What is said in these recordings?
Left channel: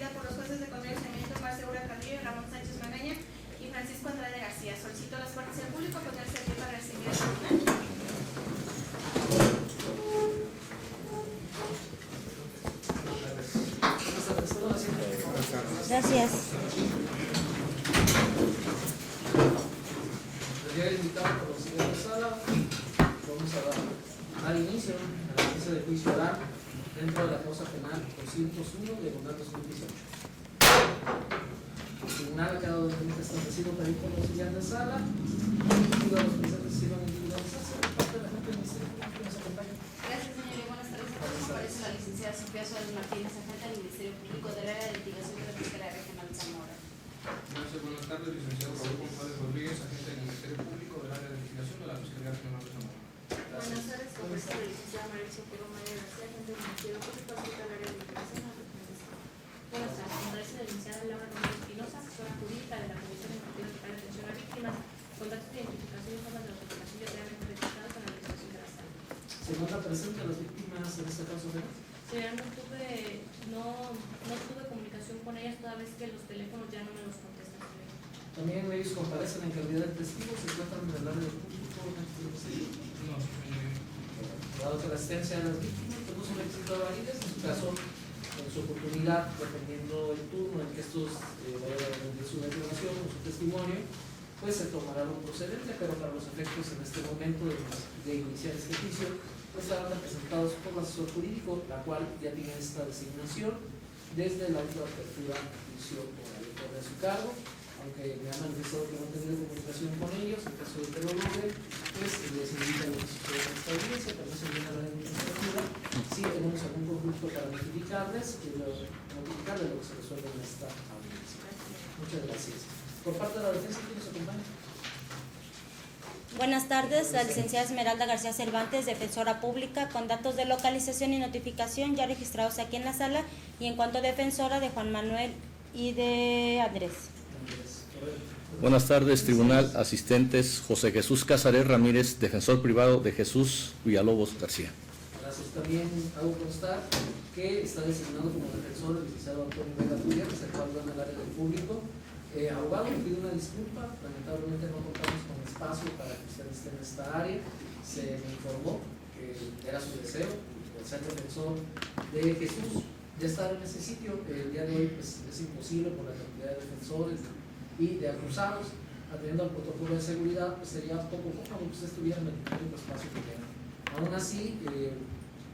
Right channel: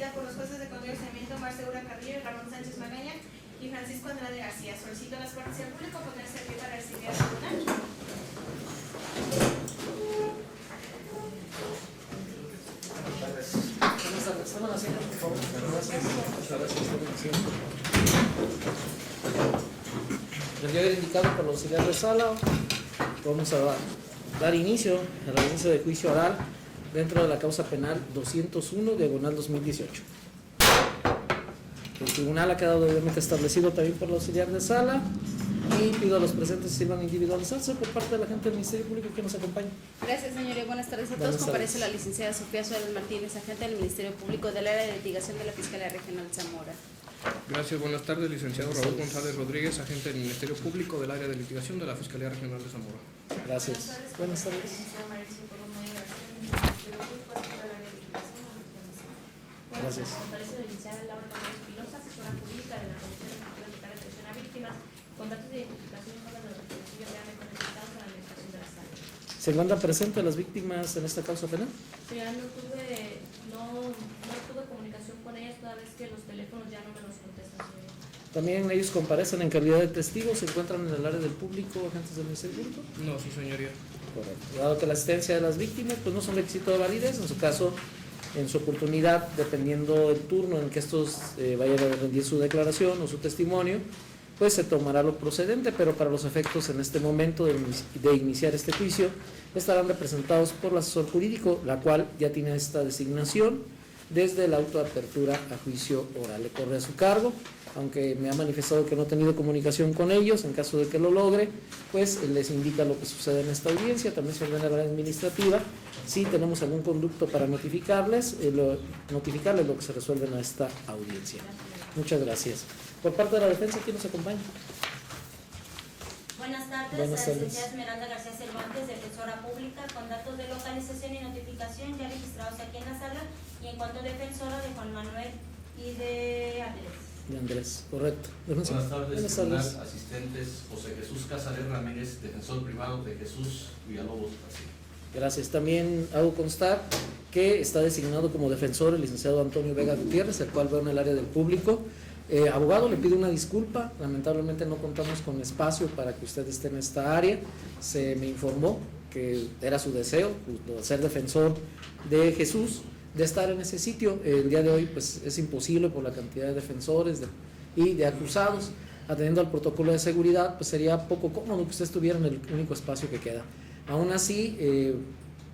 referida por los jueces de control y saneamiento Mar Segura Carrillo y Ramón Sánchez Magaña y Francisco Andrade García. Solicito a las partes y al público ponerse de pie para recibir al tribunal. Gracias. El deber indicado por los auxiliares de sala, vamos a dar inicio a la audiencia de juicio oral dentro de la causa penal 201, diagonal 2018. El tribunal ha quedado obviamente establecido también por los auxiliares de sala y pido a los presentes que sirvan individualizarse por parte de la gente del Ministerio Público que nos acompaña. Gracias, señoría. Buenas tardes a todos. Buenas tardes. Comparece la licenciada Sofía Suárez Martínez, agente del Ministerio Público del área de litigación de la Fiscalía Regional Zamora. Gracias, buenas tardes, licenciado Raúl González Rodríguez, agente del Ministerio Público del área de litigación de la Fiscalía Regional de Zamora. Gracias. Buenas tardes. Licenciada Mauricio Coromaya García, agente del Ministerio Público del área de litigación. Gracias. Comparece la licenciada Laura López Espinosa, asesora jurídica de la Comisión Ejecutiva Estatal de Atención a Víctimas, con datos de identificación y formas de los reconocidos realmente registrados para la administración de la sala. ¿Se encuentran presentes las víctimas en esta causa penal? Señora, no tuve comunicación con ellas toda vez que los teléfonos ya no me los contestan, señora. También ellos comparecen en calidad de testigos, se encuentran en el área del público agentes del Ministerio Público. No, sí, señoría. Dado que la asistencia de las víctimas pues no son requisito de validez, en su caso, en su oportunidad, dependiendo del turno en que estos vayan a rendir su declaración o su testimonio, pues se tomará lo procedente, pero para los efectos en este momento de iniciar este juicio, estarán representados por el asesor jurídico, la cual ya tiene esta designación desde el auto de apertura a juicio oral. Le corre a su cargo, aunque me ha manifestado que no ha tenido comunicación con ellos. En caso de que lo logre, pues les indica lo que sucede en esta audiencia. También se ordena la administrativa. Si tenemos algún conducto para notificarles lo que se resuelve en esta audiencia. Muchas gracias. Por parte de la defensa, ¿quién nos acompaña? Buenas tardes, Buenas la tardes. licenciada Esmeralda García Cervantes, defensora pública, con datos de localización y notificación ya registrados aquí en la sala, y en cuanto a defensora de Juan Manuel y de Andrés. Andrés, correcto. Buenas tardes, Buenas tribunal, tardes. asistentes José Jesús Casares Ramírez, defensor privado de Jesús Villalobos García. Gracias. También hago constar que está designado como defensor el licenciado Antonio Vega Gutiérrez, el cual veo en el área del público. Abogado, le pido una disculpa, lamentablemente no contamos con espacio para que usted esté en esta área. Se me informó que era su deseo, por ser defensor de Jesús, de estar en ese sitio. El día de hoy pues es imposible por la cantidad de defensores y de acusados. Atendiendo al protocolo de seguridad, pues sería poco cómodo que usted estuviera en el único espacio que queda. Aún así,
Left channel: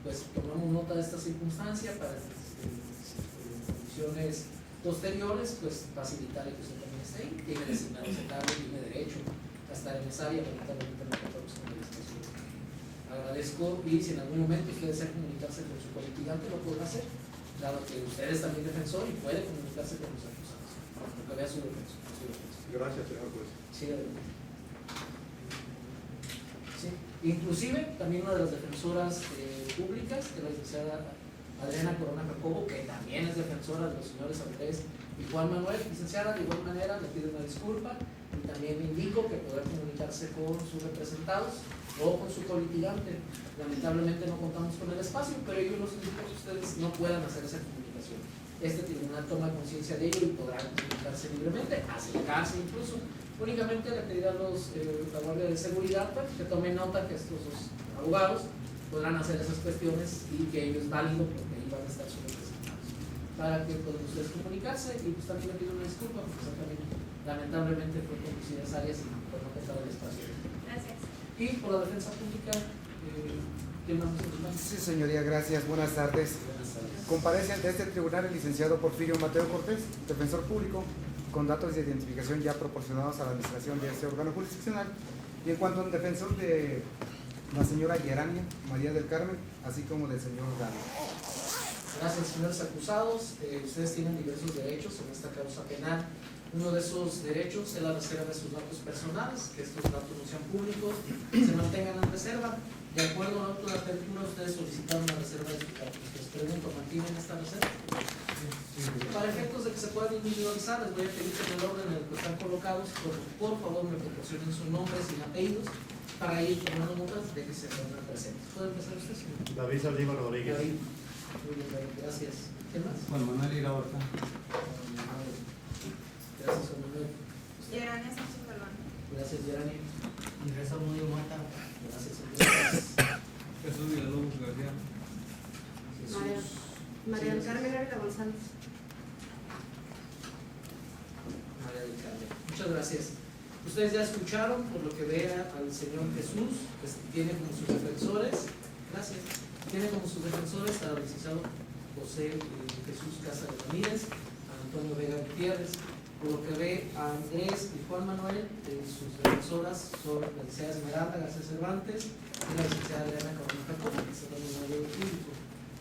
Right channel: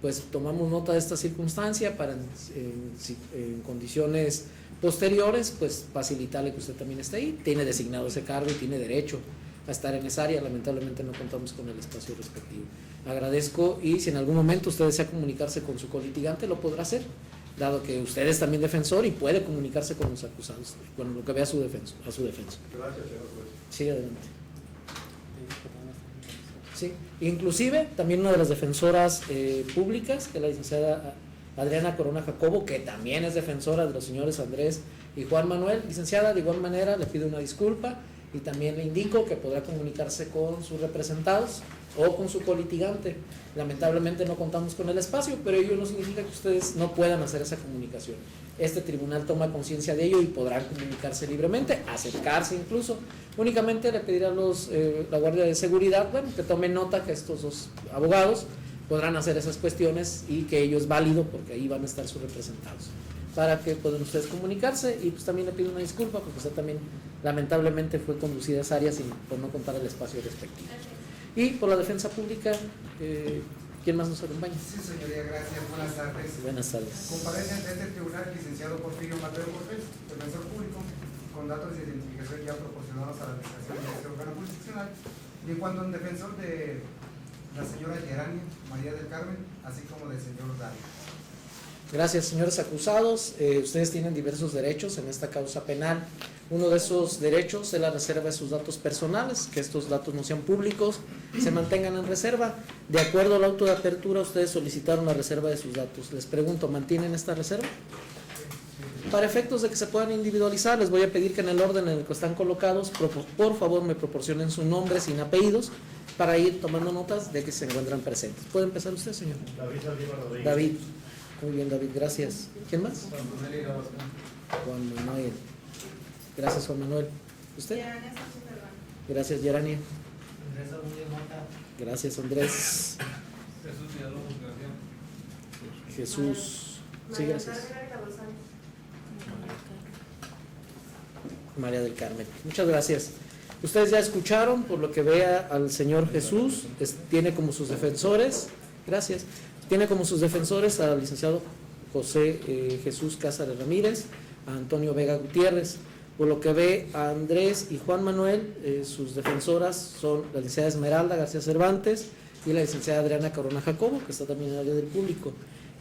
pues tomamos nota de esta circunstancia para en condiciones posteriores, pues facilitarle que usted también esté ahí. Tiene designado ese cargo y tiene derecho a estar en esa área. Lamentablemente no contamos con el espacio respectivo. Agradezco, y si en algún momento usted desea comunicarse con su colitigante, lo podrá hacer, dado que usted es también defensor y puede comunicarse con los acusados, con lo que vea a su defensa. Gracias, señor juez. Sí, adelante. Sí, inclusive también una de las defensoras públicas, que es la licenciada Adriana Corona Jacobo, que también es defensora de los señores Andrés y Juan Manuel. Licenciada, de igual manera le pido una disculpa y también le indico que podrá comunicarse con sus representados o con su colitigante. Lamentablemente no contamos con el espacio, pero ello no significa que ustedes no puedan hacer esa comunicación. Este tribunal toma conciencia de ello y podrá comunicarse libremente, acercarse incluso. Únicamente le pedirá a la Guardia de Seguridad, bueno, que tomen nota que estos dos abogados podrán hacer esas cuestiones y que ello es válido porque ahí van a estar sus representados, para que puedan ustedes comunicarse. Y pues también le pido una disculpa porque usted también lamentablemente fue conducida a esas áreas y por no contar el espacio respectivo. Gracias. Y por la defensa pública, ¿quién más nos acompaña? Sí, señoría, gracias. Buenas tardes. Buenas tardes. Comparece ante este tribunal el licenciado Porfirio Mateo Cortés, defensor público, con datos de identificación ya proporcionados a la administración de este órgano jurisdiccional. Y en cuanto a un defensor de la señora Guiarania María del Carmen, así como del señor Gary. Gracias, señores acusados. Ustedes tienen diversos derechos en esta causa penal. Uno de esos derechos es la reserva de sus datos personales, que estos datos no sean públicos, se mantengan en reserva. De acuerdo al auto de apertura, ustedes solicitaron la reserva de sus datos. Les pregunto, ¿mantienen esta reserva? Para efectos de que se puedan individualizar, les voy a pedir que en el orden en el que están colocados, por favor me proporcionen su nombre sin apellidos, para ir tomando notas de que se encuentran presentes. ¿Puede empezar usted, señor? David Saldívar Rodríguez. David. Muy bien, David, gracias. ¿Quién más? Juan Manuel Iraosta. Juan Manuel. Gracias, Juan Manuel. ¿Usted? Gerania Sánchez Galván. Gracias, Gerania. Andrés Arroyo Mata. Gracias, Andrés. Jesús Villalobos García. Jesús. María del Sí, Carmen Ávila González. María del Carmen. Muchas gracias. Ustedes ya escucharon, por lo que vea al señor Jesús, tiene como sus defensores, gracias, tiene como sus defensores al licenciado José Jesús Cázares Ramírez, a Antonio Vega Gutiérrez. Por lo que ve a Andrés y Juan Manuel, sus defensoras son la licenciada Esmeralda García Cervantes y la licenciada Adriana Corona Jacobo, que está también en el del público.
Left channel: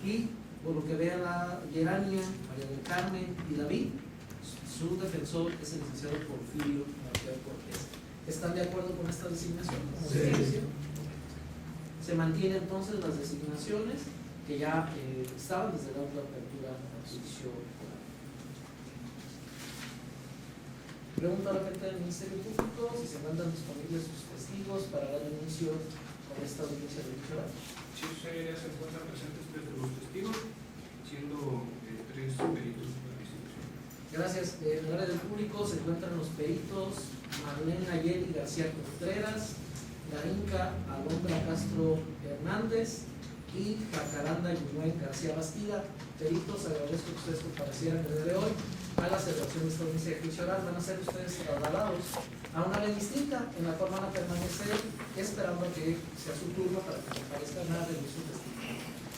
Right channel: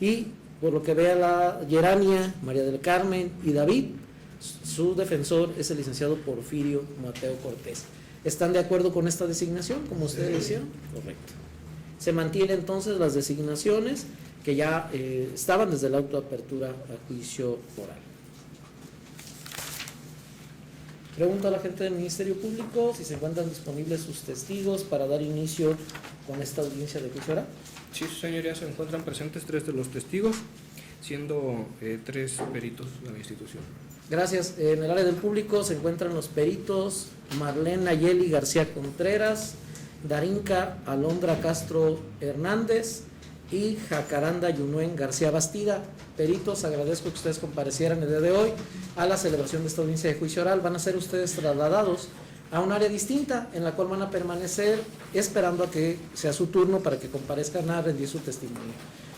Y por lo que ve a la Gerania, María del Carmen y David, su defensor es el licenciado Porfirio Mateo Cortés. ¿Están de acuerdo con esta designación, como ustedes decían? Correcto. Se mantienen entonces las designaciones que ya estaban desde la autoapertura a juicio oral. Pregunto a la gente del Ministerio Público si se encuentran disponibles sus testigos para dar inicio con esta audiencia de juicio oral. Sí, señoría, se encuentran presentes 3 de los testigos, siendo 3 peritos de la institución. Gracias. En el área del público se encuentran los peritos Marlene Nayeli García Contreras, Darinka Alondra Castro Hernández y Jacaranda Yunuen García Bastida. Peritos, agradezco que ustedes comparecieran el día de hoy a la celebración de esta audiencia de juicio oral. Van a ser ustedes trasladados a un área distinta en la cual van a permanecer esperando a que sea su turno para que comparezcan a rendir su testimonio.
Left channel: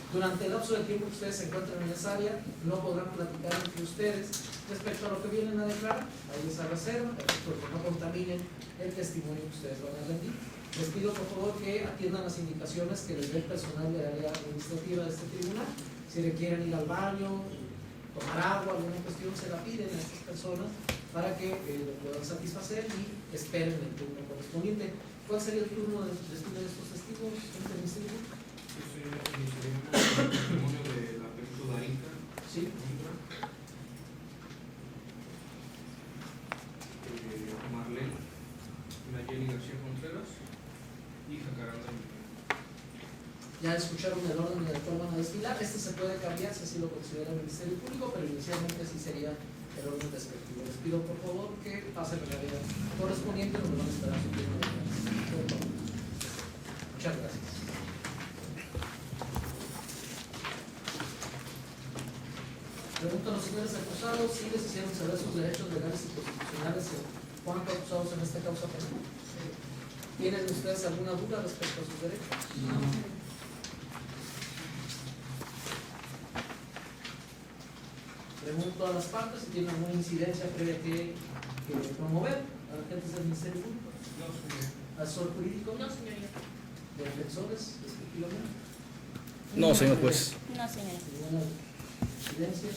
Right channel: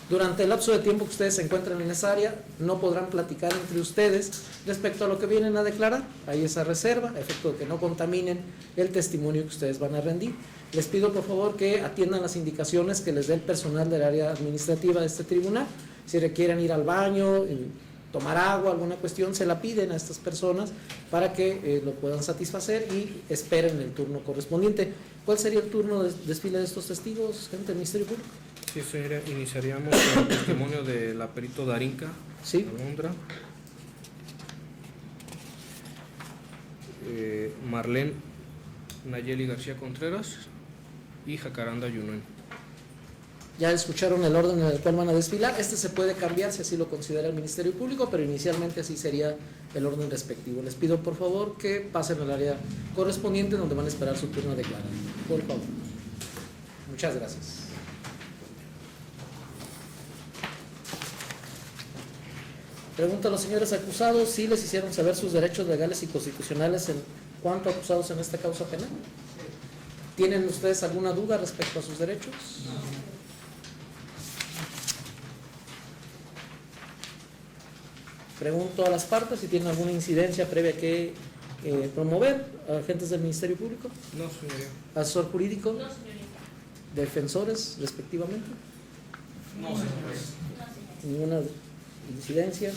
Durante el lapso de tiempo que ustedes se encuentran en esa área, no podrán platicar entre ustedes respecto a lo que vienen a declarar. Hay esa reserva, a efecto de que no contaminen el testimonio que ustedes van a rendir. Les pido por favor que atiendan las indicaciones que les dé el personal del área administrativa de este tribunal. Si requieren ir al baño, tomar agua, alguna cuestión, se la piden a estas personas para que lo puedan satisfacer y esperen el turno correspondiente. ¿Cuál sería el turno de desfile de estos testigos, gente del Ministerio Público? Sí, señoría, iniciaríamos con el testimonio de la perito Darinka Sí. Alondra, Marlene Nayeli García Contreras y Jacaranda Yunuen. Ya escucharon el orden en el cual van a desfilar. Este se puede cambiar si así lo considera el Ministerio Público, pero inicialmente así sería el orden respectivo. Les pido por favor que pasen al área correspondiente donde van a esperar su turno de declarar. Por favor. Muchas gracias. Pregunto a los señores acusados si les hicieron saber sus derechos legales y constitucionales en cuanto a acusados en esta causa penal. ¿Tienen ustedes alguna duda respecto a sus derechos? No. Pregunto a las partes si tienen alguna incidencia previa que promover, agentes del Ministerio Público, No, señoría. asesor jurídico, No, señorita. defensores respectivamente. No, señor juez. No, señorita. Ninguna incidencia.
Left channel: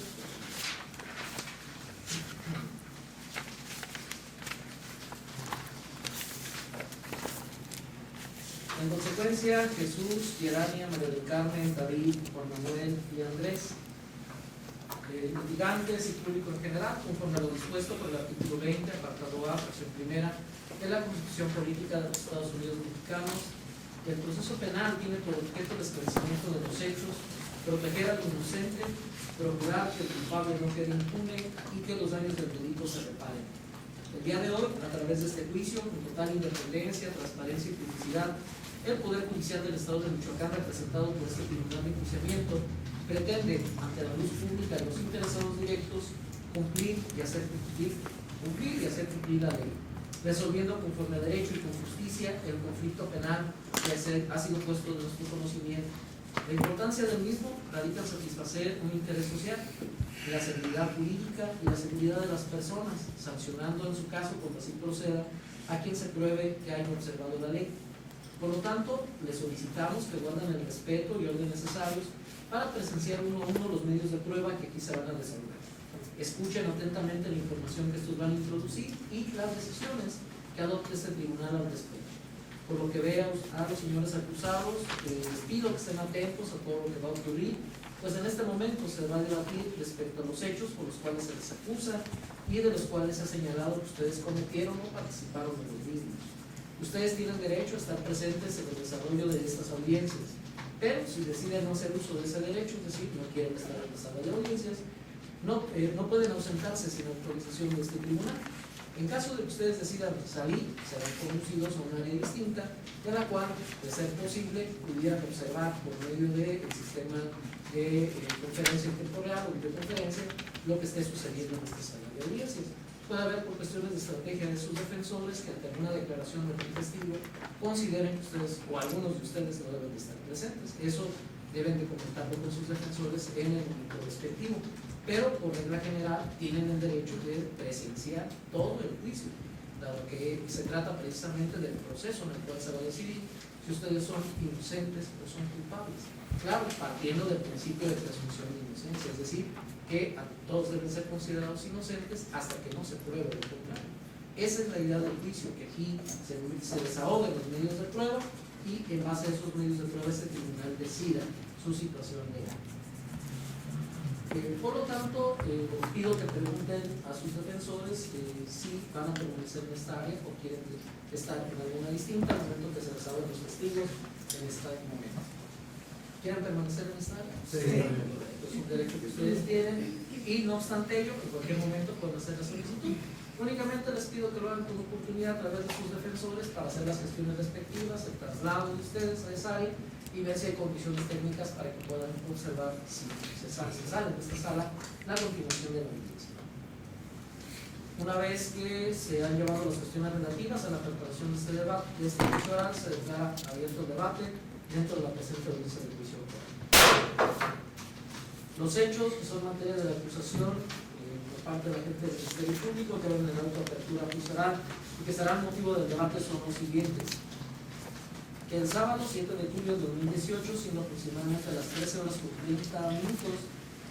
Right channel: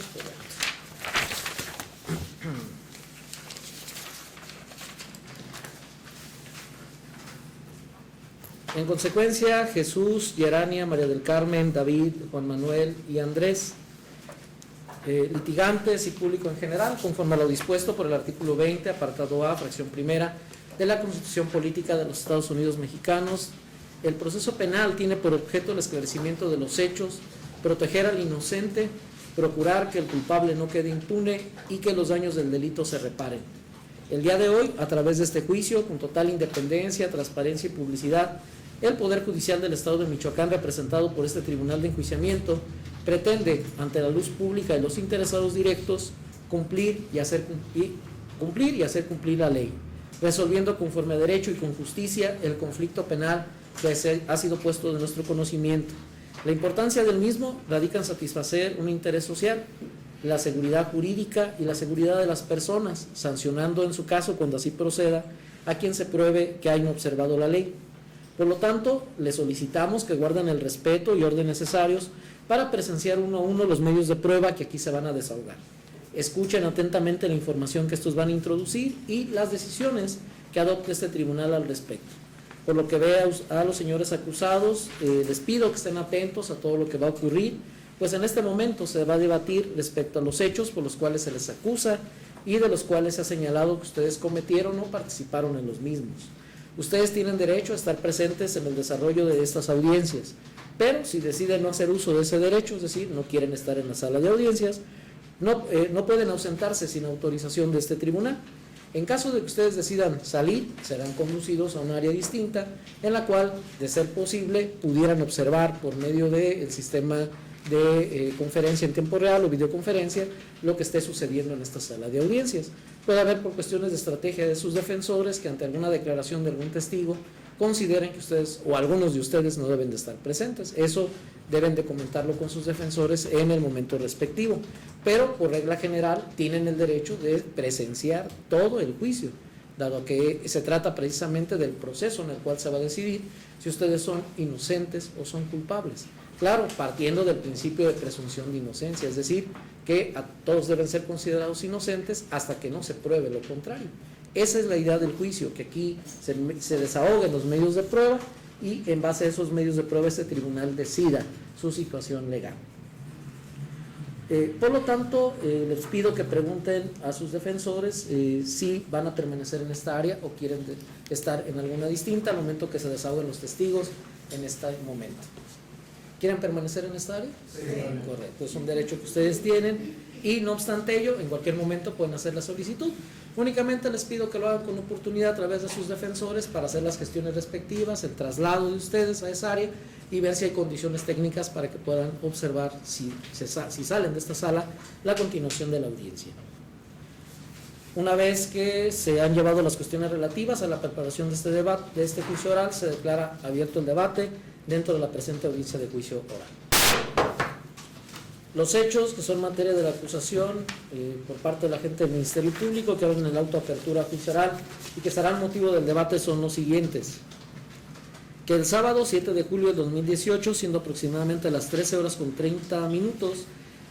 En consecuencia, Jesús, Gerania, María del Carmen, David, Juan Manuel y Andrés, litigantes y público en general, conforme a lo dispuesto por el artículo 20, apartado A, fracción primera de la Constitución Política de los Estados Unidos Mexicanos, el proceso penal tiene por objeto el esclarecimiento de los hechos, proteger al inocente, procurar que el culpable no quede impune y que los daños del delito se reparen. El día de hoy, a través de este juicio, con total independencia, transparencia y publicidad, el Poder Judicial del Estado de Michoacán, representado por este Tribunal de Enjuiciamiento, pretende, ante la luz pública de los interesados directos, cumplir y hacer cumplir la ley, resolviendo conforme a derecho y con justicia el conflicto penal que ha sido puesto de nuestro conocimiento. La importancia del mismo radica en satisfacer un interés social, la seguridad jurídica y la seguridad de las personas, sancionando en su caso, cuando así proceda, a quien se pruebe que hayan observado la ley. Por lo tanto, les solicitamos que guarden el respeto y orden necesarios para presenciar uno a uno los medios de prueba que aquí se van a desahogar. Escuchen atentamente la información que estos van a introducir y las decisiones que adopte este tribunal al respecto. Por lo que vea a los señores acusados, les pido que estén atentos a todo lo que va a ocurrir, pues en este momento se va a debatir respecto a los hechos por los cuales se les acusa y de los cuales se ha señalado que ustedes cometieron o participaron en los mismos. Ustedes tienen derecho a estar presentes en el desarrollo de estas audiencias. pero si deciden no hacer uso de ese derecho, es decir, no quieren estar en la sala de audiencias, no pueden ausentarse sin autorización de este tribunal. En caso de que ustedes decidan salir, serán conducidos a un área distinta en la cual, de ser posible, pudieran observar por medio del sistema de conferencia en tiempo real o videoconferencia lo que esté sucediendo en esta sala de audiencias. Puede haber, por cuestiones de estrategia de sus defensores, que ante alguna declaración de algún testigo consideren que ustedes o algunos de ustedes no deben de estar presentes. Eso deben de comentarlo con sus defensores en el momento respectivo, pero por regla general tienen el derecho de presenciar todo el juicio, dado que se trata precisamente del proceso en el cual se va a decidir si ustedes son inocentes o son culpables. Claro, partiendo del principio de presunción de inocencia, es decir, que a todos deben ser considerados inocentes hasta que no se pruebe lo contrario. Esa es la idea del juicio, que aquí se desahoguen los medios de prueba y en base a esos medios de prueba este tribunal decida su situación legal. Por lo tanto, les pido que pregunten a sus defensores si van a permanecer en esta área o quieren estar en alguna distinta al momento que se desahoguen los testigos en este momento. ¿Quieren permanecer en esta área? Sí. Correcto, es un derecho que ustedes tienen y no obstante ello, en cualquier momento pueden hacer la solicitud. Únicamente les pido que lo hagan con oportunidad a través de sus defensores para hacer las gestiones respectivas, el traslado de ustedes a esa área y ver si hay condiciones técnicas para que puedan observar si salen de esta sala la continuación de la audiencia. Una vez que se han llevado las cuestiones relativas a la preparación de este debate, de este juicio oral, se declara abierto el debate dentro de la presente audiencia de juicio oral. Los hechos que son materia de la acusación por parte de la gente del Ministerio Público que hablan en la autoapertura juicio oral y que serán motivo del debate son los siguientes: que el sábado 7 de julio de 2018, siendo aproximadamente las 13:30,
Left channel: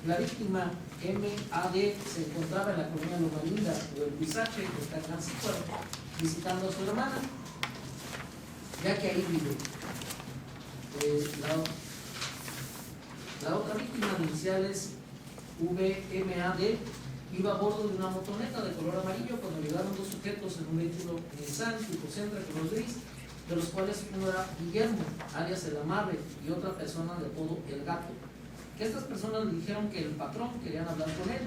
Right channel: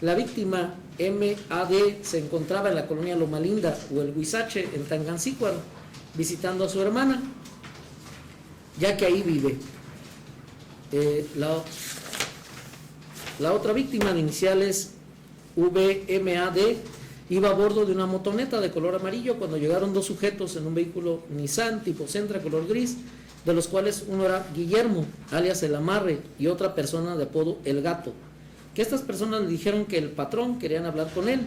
la víctima M.A.D. se encontraba en la colonia Loma Linda o el Huizache en Tangancícuaro visitando a su hermana, ya que ahí vive. La otra víctima de iniciales V.M.A.D. iba a bordo de una motoneta de color amarillo cuando llegaron dos sujetos en un vehículo Nissan tipo Sentra color gris, de los cuales uno era Guillermo, alias El Amarre, y otra persona de apodo El Gato, que estas personas le dijeron que el patrón querían hablar con él,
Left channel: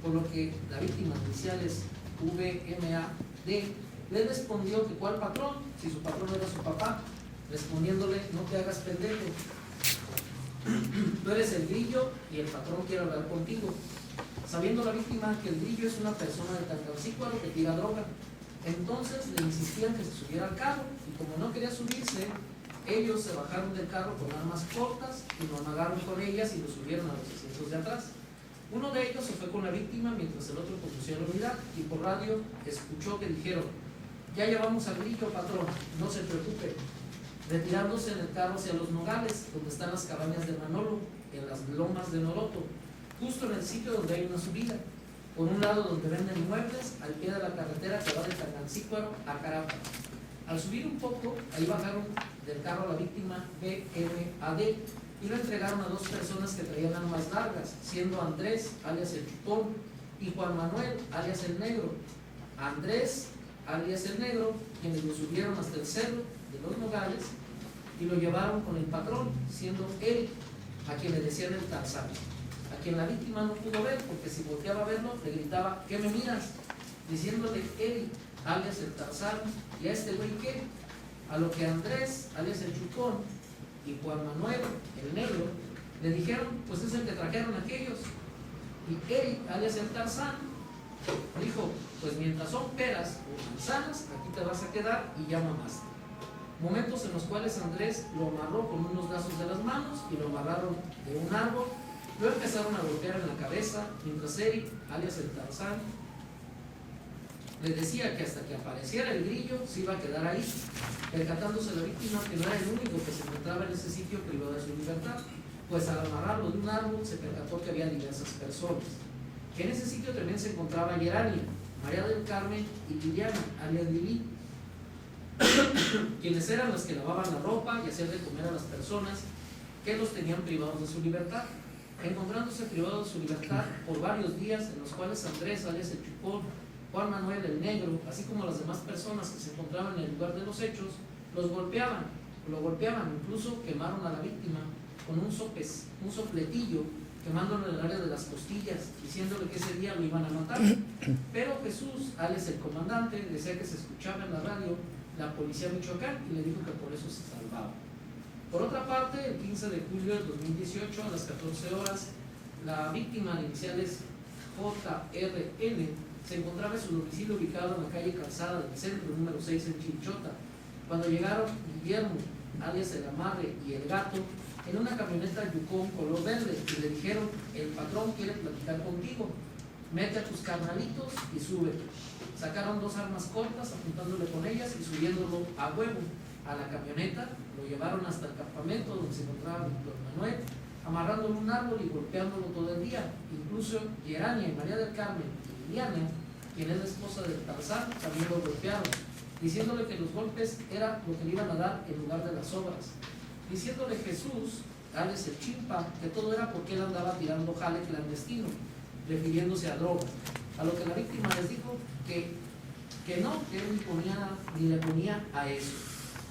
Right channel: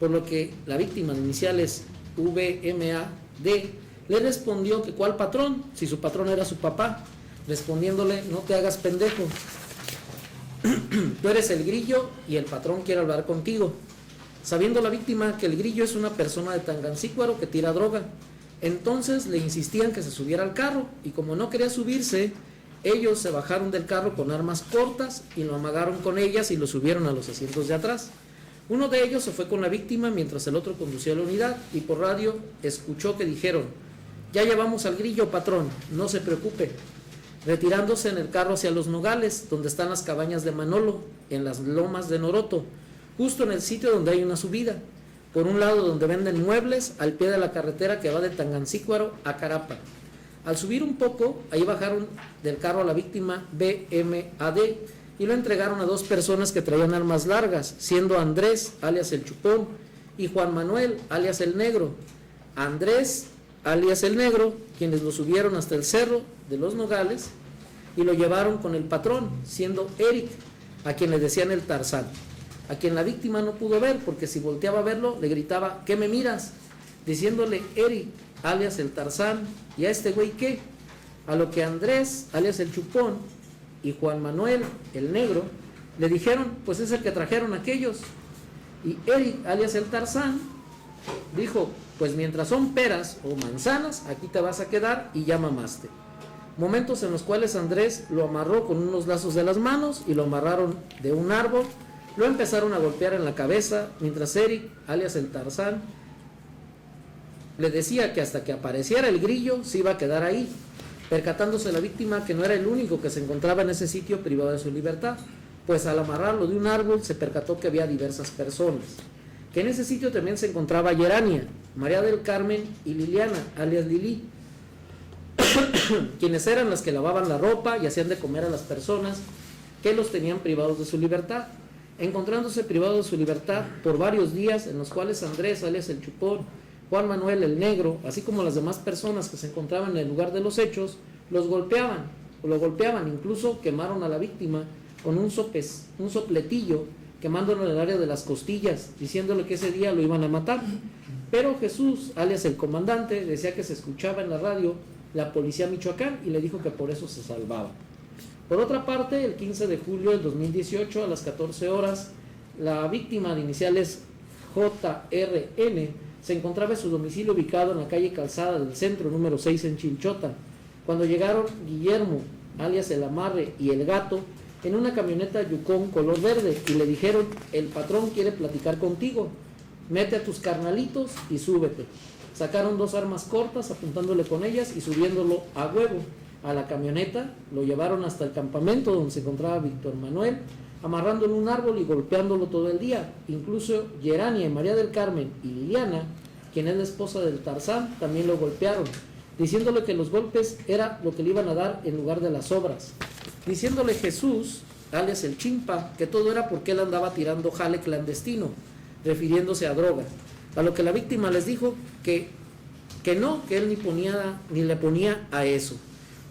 por lo que la víctima de iniciales V.M.A.D. le respondió que cuál patrón, si su patrón era su papá, respondiéndole: no te hagas pendejo, tú eres el Grillo y el patrón quiere hablar contigo. Sabiendo la víctima que el Grillo es una persona de Tangancícuaro que tira droga, entonces le insistían que se subiera al carro, y como no quería subirse, ellos se bajaron del carro con armas cortas y lo amagaron con ellas y lo subieron a los asientos de atrás. Uno de ellos se fue con la víctima mientras el otro conducía la unidad y por radio escuchó que dijeron: ya llevamos al Grillo, patrón, no se preocupe. Retirándose en el carro hacia Los Nogales, donde están las cabañas de Manolo, en las lomas de Noroto, justo en el sitio donde hay una subida, por un lado donde venden muebles, al pie de la carretera que va de Tangancícuaro a Carapa. Al subir un poco, ahí bajaron del carro a la víctima B.M.A.D. y lo entregaron a dos personas que traían armas largas, siendo Andrés, alias El Chupón, y Juan Manuel, alias El Negro. Andrés, alias El Negro, quienes lo subieron hasta el cerro de Los Nogales y lo llevaron con el patrón, siendo Eric, a quien le decían el Tarzán, a quien la víctima no pudo ver porque si volteaba a verlo le gritaba: ¿qué me miras?, diciéndole Eric, alias el Tarzán, ¿y a este güey qué? A lo que Andrés, alias El Chupón, y Juan Manuel, El Negro, le dijeron: pues es el que trajeron aquellos. Y Eric, alias el Tarzán, dijo: pues mientras son peras o manzanas, aquí te vas a quedar y ya mamaste. Momentos en los cuales Andrés lo amarró con unos lazos de las manos y lo amarraron de un árbol, lo empezaron a golpear en la cabeza, mientras Eric, alias el Tarzán, le decía que hasta que apareciera el Grillo se iba a quedar ahí, percatándose la víctima que no era el único que se encontraba en ese sitio privado de su libertad, pues al amarrarlo de un árbol se percató que había diversas personas, que en ese sitio también se encontraba Yerania, María del Carmen y Liliana, alias Lili, quienes eran las que lavaban la ropa y hacían de comer a las personas que los tenían privados de su libertad, encontrándose privados de su libertad por varios días, en los cuales Andrés, alias El Chupón, Juan Manuel El Negro, así como las demás personas que se encontraban en el lugar de los hechos, los golpeaban, lo golpeaban, incluso quemaron a la víctima con un sopletillo, quemándolo en el área de las costillas, diciéndole que ese día lo iban a matar. Pero Jesús, alias el comandante, decía que se escuchaba en la radio la policía Michoacán y le dijo que por eso se salvaba. Por otra parte, el 15 de julio del 2018 a las 14 horas, la víctima de iniciales JRN se encontraba en su domicilio ubicado en la calle Calzada del Centro, número 6 en Chilchota, cuando llegaron Guillermo, alias el Amarre, y el Gato en una camioneta Yukon color verde y le dijeron: el patrón quiere platicar contigo, mete a tus carnalitos y súbete. Sacaron 2 armas cortas apuntándole con ellas y subiéndolo a huevo a la camioneta, lo llevaron hasta el campamento donde se encontraba Víctor Manuel, amarrándolo en un árbol y golpeándolo todo el día. Incluso Gerania y María del Carmen y Liliana, quien es la esposa del Tarzán, también lo golpearon, diciéndole que los golpes era lo que le iban a dar en lugar de las obras, diciéndole Jesús, alias el Chimpa, que todo era porque él andaba tirando jale clandestino, refiriéndose a drogas, a lo que la víctima les dijo que no, que él ni le ponía a eso,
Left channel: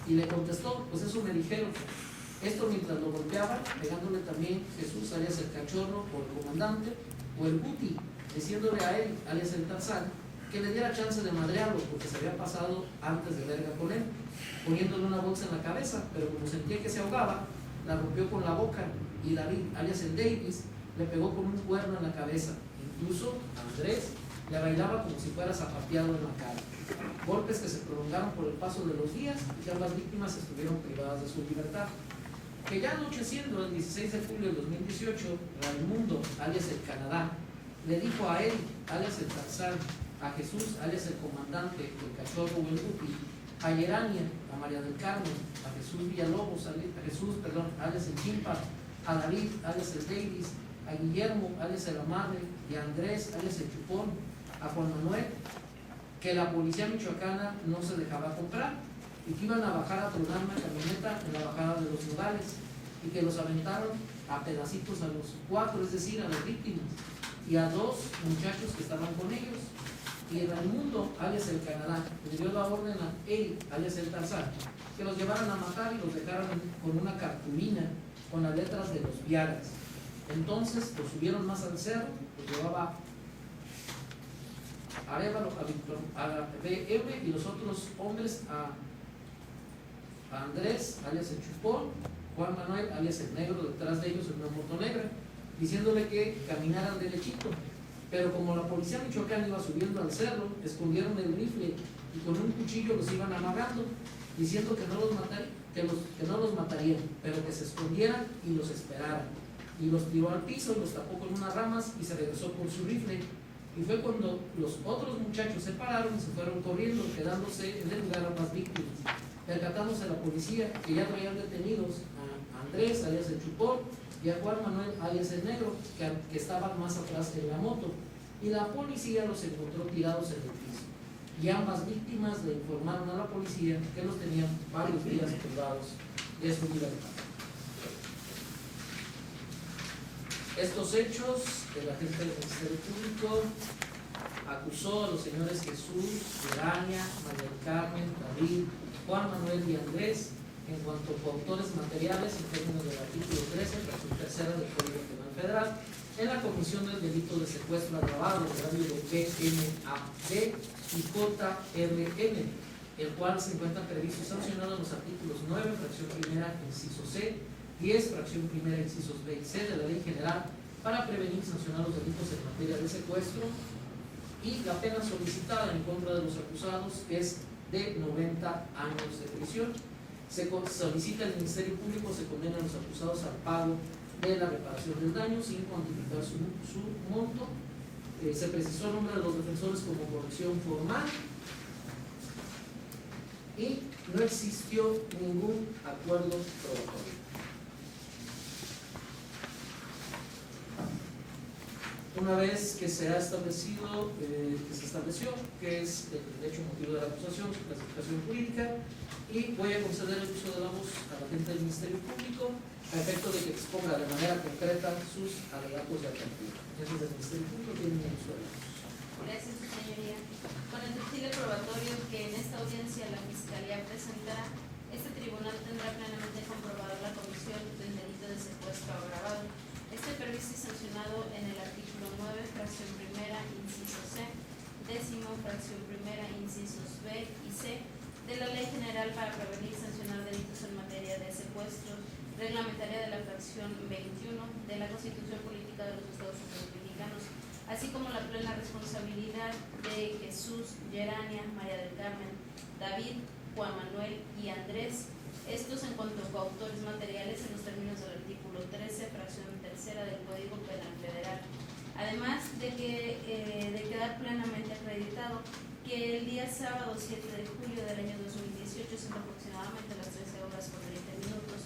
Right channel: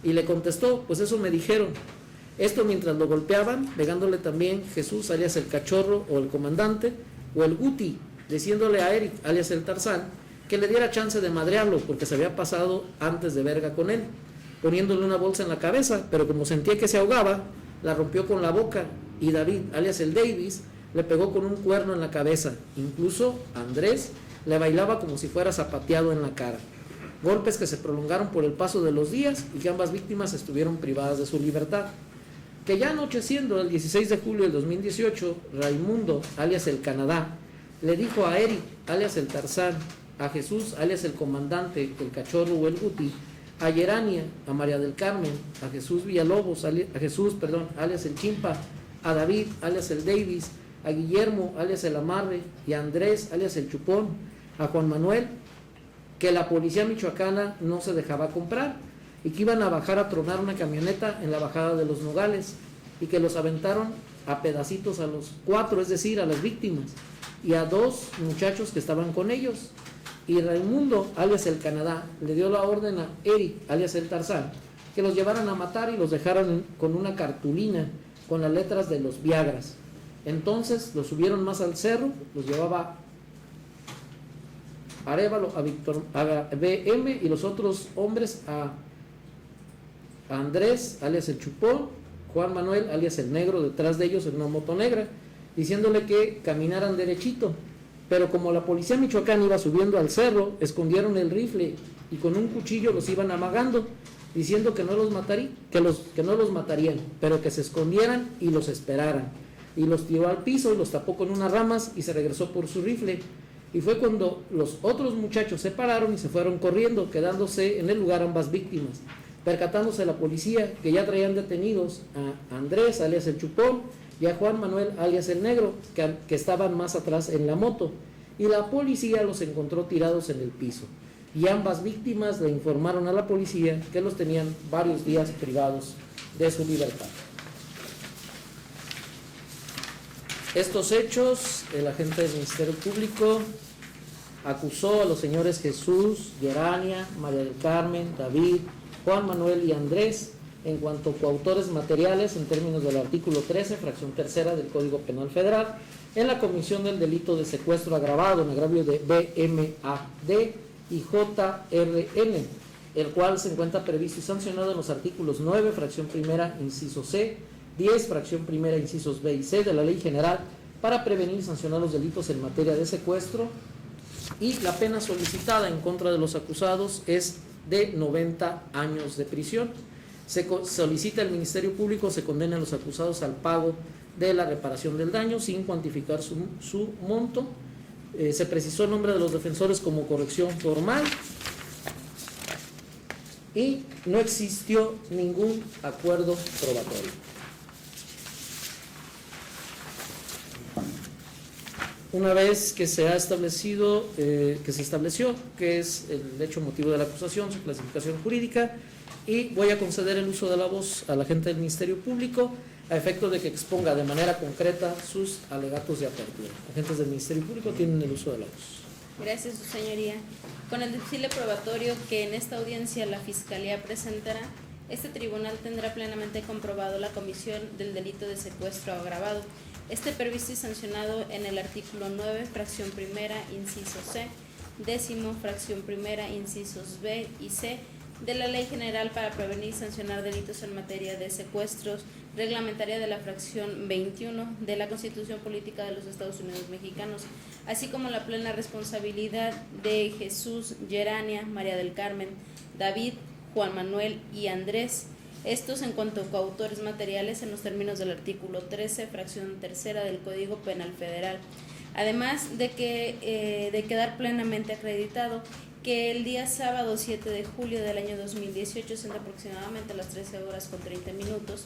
y le contestó: pues eso me dijeron. Esto mientras lo golpeaban, negándole también Jesús, alias el Cachorro o el Comandante, o el Guti, diciéndole a Eric, alias el Tarzán, que le diera chance de madrearlo porque se había pasado antes de verga con él, poniéndole una bolsa en la cabeza, pero como sentía que se ahogaba, la rompió con la boca, y David, alias el Davis, le pegó con un cuerno en la cabeza. Incluso Andrés le bailaba como si fuera zapateado en la cara. Golpes que se prolongaron por el paso de los días y que ambas víctimas estuvieron privadas de su libertad. Que ya anocheciendo el 16 de julio del 2018, Raimundo, alias el Canadá, le dijo a Eric, alias el Tarzán, a Jesús, alias el Comandante, el Cachorro o el Guti, a Gerania, a María del Carmen, a Jesús Villalobos, alias el Chimpa, a David, alias el Davis, a Guillermo, alias el Amarre, y a Andrés, alias el Chupón, a Juan Manuel, que la policía michoacana no se dejaba comprar y que iban a bajar a tronar una camioneta en la bajada de los Nogales y que los aventaron a pedacitos a los 4, es decir, a las víctimas, y a 2 muchachos que estaban con ellos. Y Raimundo, alias el Canadá, le dio la orden a Eric, alias el Tarzán, que los llevaran a matar y los dejaron con una cartulina con las letras de los Viagras. Entonces los subieron más al cerro, los llevaba Arévalo, a BM, y los otros hombres a Andrés, alias el Chupón, Juan Manuel, alias el Negro, detrás de ellos en una moto negra, diciéndole que caminaran derechito. Pero como la policía michoacana iba subiendo al cerro, escondieron el rifle y con un cuchillo los iban amagando, diciendo que no los matarían, pero que se escondieran y los esperaran. Y los tiró al piso y los tapó con unas ramas y se regresó por su rifle. Y fue cuando los otros muchachos se pararon y se fueron corriendo, quedándose en el lugar ambas víctimas, percatándose la policía que ya traían detenidos a Andrés, alias el Chupón, y a Juan Manuel, alias el Negro, que estaban más atrás en la moto, y la policía los encontró tirados en el piso, y ambas víctimas le informaron a la policía que los tenían varios días privados de su libertad. Estos hechos, el agente del Ministerio Público acusó a los señores Jesús, Gerania, María del Carmen, David, Juan Manuel y Andrés en cuanto a coautores materiales en términos del artículo 13, fracción tercera del Código Penal Federal, en la comisión del delito de secuestro agravado en agravio de BMAD y JRN, el cual se encuentra previsto y sancionado en los artículos 9, fracción primera, inciso C, 10, fracción primera, incisos B y C de la Ley General para prevenir y sancionar los delitos en materia de secuestro, y la pena solicitada en contra de los acusados es de 90 años de prisión. Se solicita al Ministerio Público se condene a los acusados al pago de la reparación del daño sin cuantificar su monto. Se precisó el nombre de los defensores como corrección formal y no existió ningún acuerdo probatorio. Una vez que se ha establecido, que se estableció que es el hecho motivo de la acusación, su clasificación jurídica, y voy a conceder el uso de la voz al agente del Ministerio Público a efecto de que exponga de manera concreta sus alegatos de apertura. Agentes del Ministerio Público tienen el uso de la voz. Gracias, su señoría. Con el deducible probatorio que en esta audiencia la Fiscalía presentará, Este tribunal tendrá plenamente comprobado la comisión del delito de secuestro agravado. Este previsto y sancionado en el artículo 9, fracción primera, inciso C, 10º, fracción primera, incisos B y C, de la Ley General para prevenir y sancionar delitos en materia de secuestros, reglamentaria de la fracción 21 de la Constitución Política de los Estados Unidos Mexicanos, así como la plena responsabilidad de Jesús, Gerania, María del Carmen, David, Juan Manuel y Andrés, estos en cuanto a coautores materiales en los términos del artículo 13, fracción tercera del Código Penal Federal. Además de quedar plenamente acreditado que el día sábado 7 de julio del año 2018, siendo aproximadamente las 13 horas con 30 minutos,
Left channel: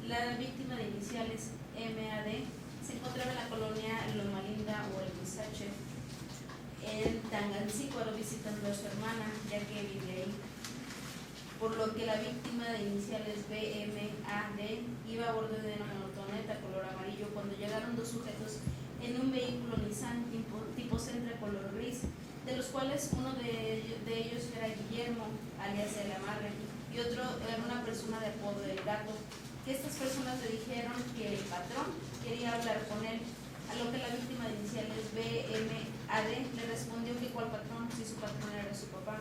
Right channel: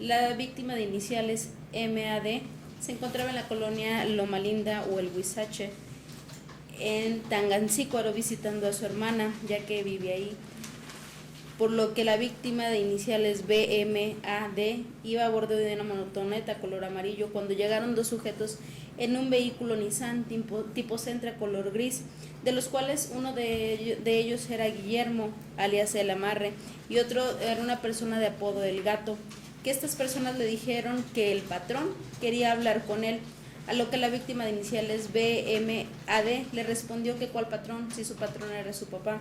la víctima de iniciales MAD se encontraba en la colonia Loma Linda o el Huizache, en Tangancícuaro, visitando a su hermana, ya que vive ahí, por lo que la víctima de iniciales BMAD iba a bordo de una motoneta color amarillo cuando llegaron dos sujetos en un vehículo Nissan tipo Sentra color gris, de los cuales uno de ellos era Guillermo, alias El Amarre, y otro era una persona de apodo El Gato, que estas personas le dijeron que el patrón quería hablar con él, a lo que la víctima de iniciales BMAD le respondió que cuál patrón, si su patrón era su papá,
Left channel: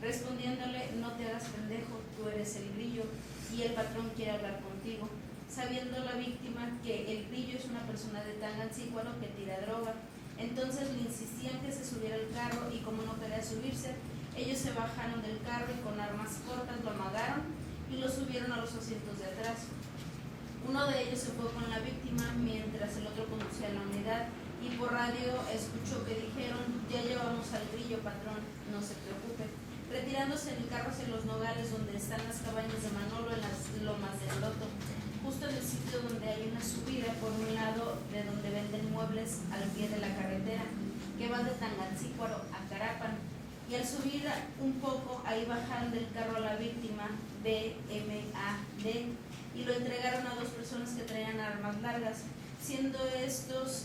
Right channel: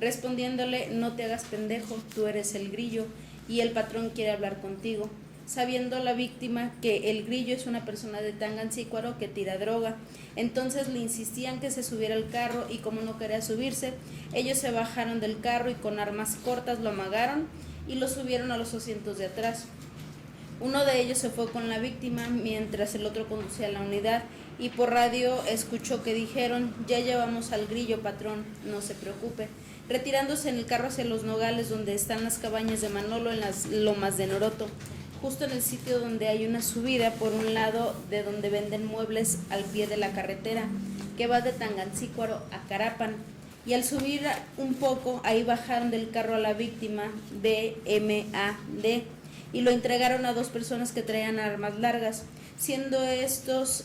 respondiéndole: no te hagas pendejo, tú eres el Grillo y el patrón quiere hablar contigo, sabiendo la víctima que el Grillo es una persona de Tangancícuaro que tira droga. Entonces le insistían que se subiera al carro y como no quería subirse, ellos se bajaron del carro y con armas cortas lo amagaron y lo subieron a los asientos de atrás. Uno de ellos se fue con la víctima mientras el otro conducía la unidad y por radio escuchó que dijeron: ya llevamos al Grillo, patrón, no se preocupe, retirándose en el carro hacia los Nogales, donde están las cabañas de Manolo en las lomas de Noroto, justo en el sitio donde hay una subida por un lado de donde venden muebles al pie de la carretera que va de Tangancícuaro a Carapan. Y al subir un poco, ahí bajaron del carro a la víctima BMAD y lo entregaron a dos personas que traían armas largas, siendo estos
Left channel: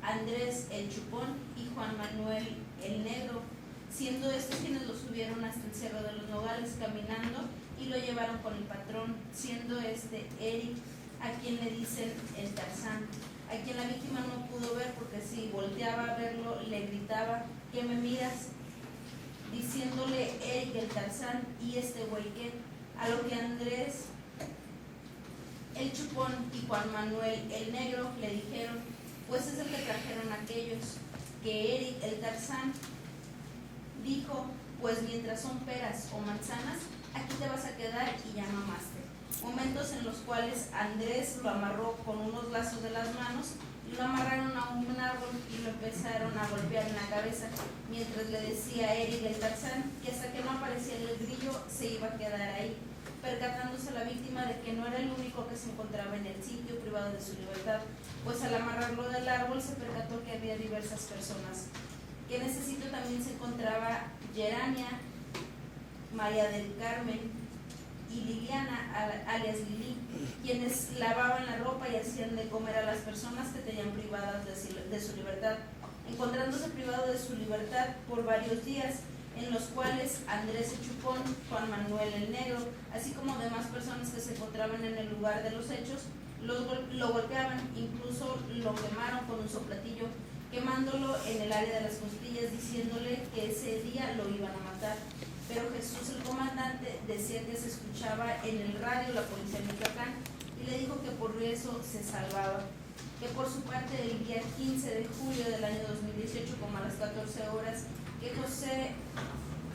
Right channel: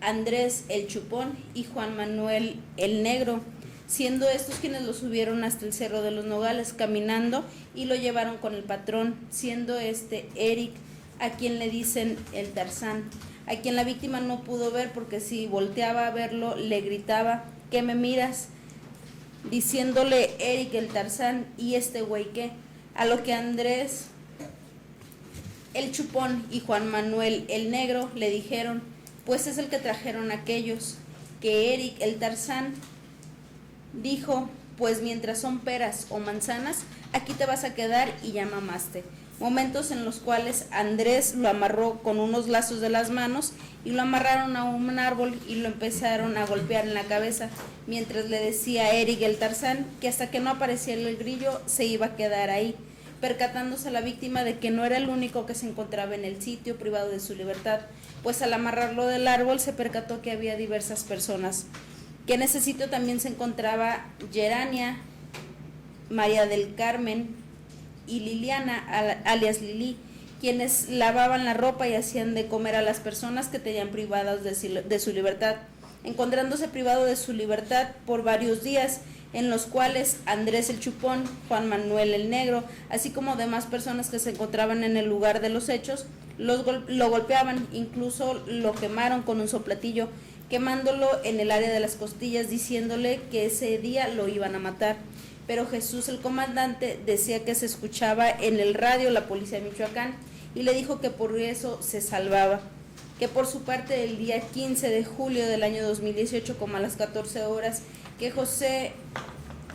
Andrés el Chupón y Juan Manuel el Negro, siendo estos quienes lo subieron hasta el Cerro de los Nogales caminando y lo llevaron con el patrón, siendo Eric, a quien le dicen el Tarzán, a quien la víctima no pudo ver porque si volteaba a verlo le gritaba: ¿qué me miras?, diciéndole Eric el Tarzán, ¿y este güey qué? A lo que Andrés el Chupón y Juan Manuel el Negro le dijeron: pues es el que trajeron aquellos, que Eric el Tarzán dijo: pues mientras son peras o manzanas, aquí te vas a quedar y ya mamaste. Momentos en los cuales Andrés lo amarró con unos lazos de las manos y lo amarraron a un árbol y lo empezaron a golpear en la cabeza, mientras le decía a Eric el Tarzán que hasta que no apareciera el Grillo se iba a quedar ahí, percatándose la víctima de que no era el único que se encontraba en el sitio privado de su libertad, pues al amarrarlo del árbol se percató que había diversas personas, que en ese sitio también se encontraba Gerania, María del Carmen y Liliana, alias Lili, quienes lavaban la ropa y hacían de comer a las personas que tenían privadas de su libertad, encontrándose privado de su libertad por varios días, en los cuales Andrés el Chupón, Juan Manuel el Negro, así como demás personas que se encontraban en el lugar de los hechos, lo golpeaban, incluso lo quemaron con un soplatillo, quemándolo en el área de las costillas, diciéndole que ese día lo iban a matar. Pero Jesús, el comandante, decía que se escuchaba en el radio la policía de Michoacán y le dijo que por eso se salvaba. Que por su parte, el día 15 de julio del año 2018, como a las 14 horas, que José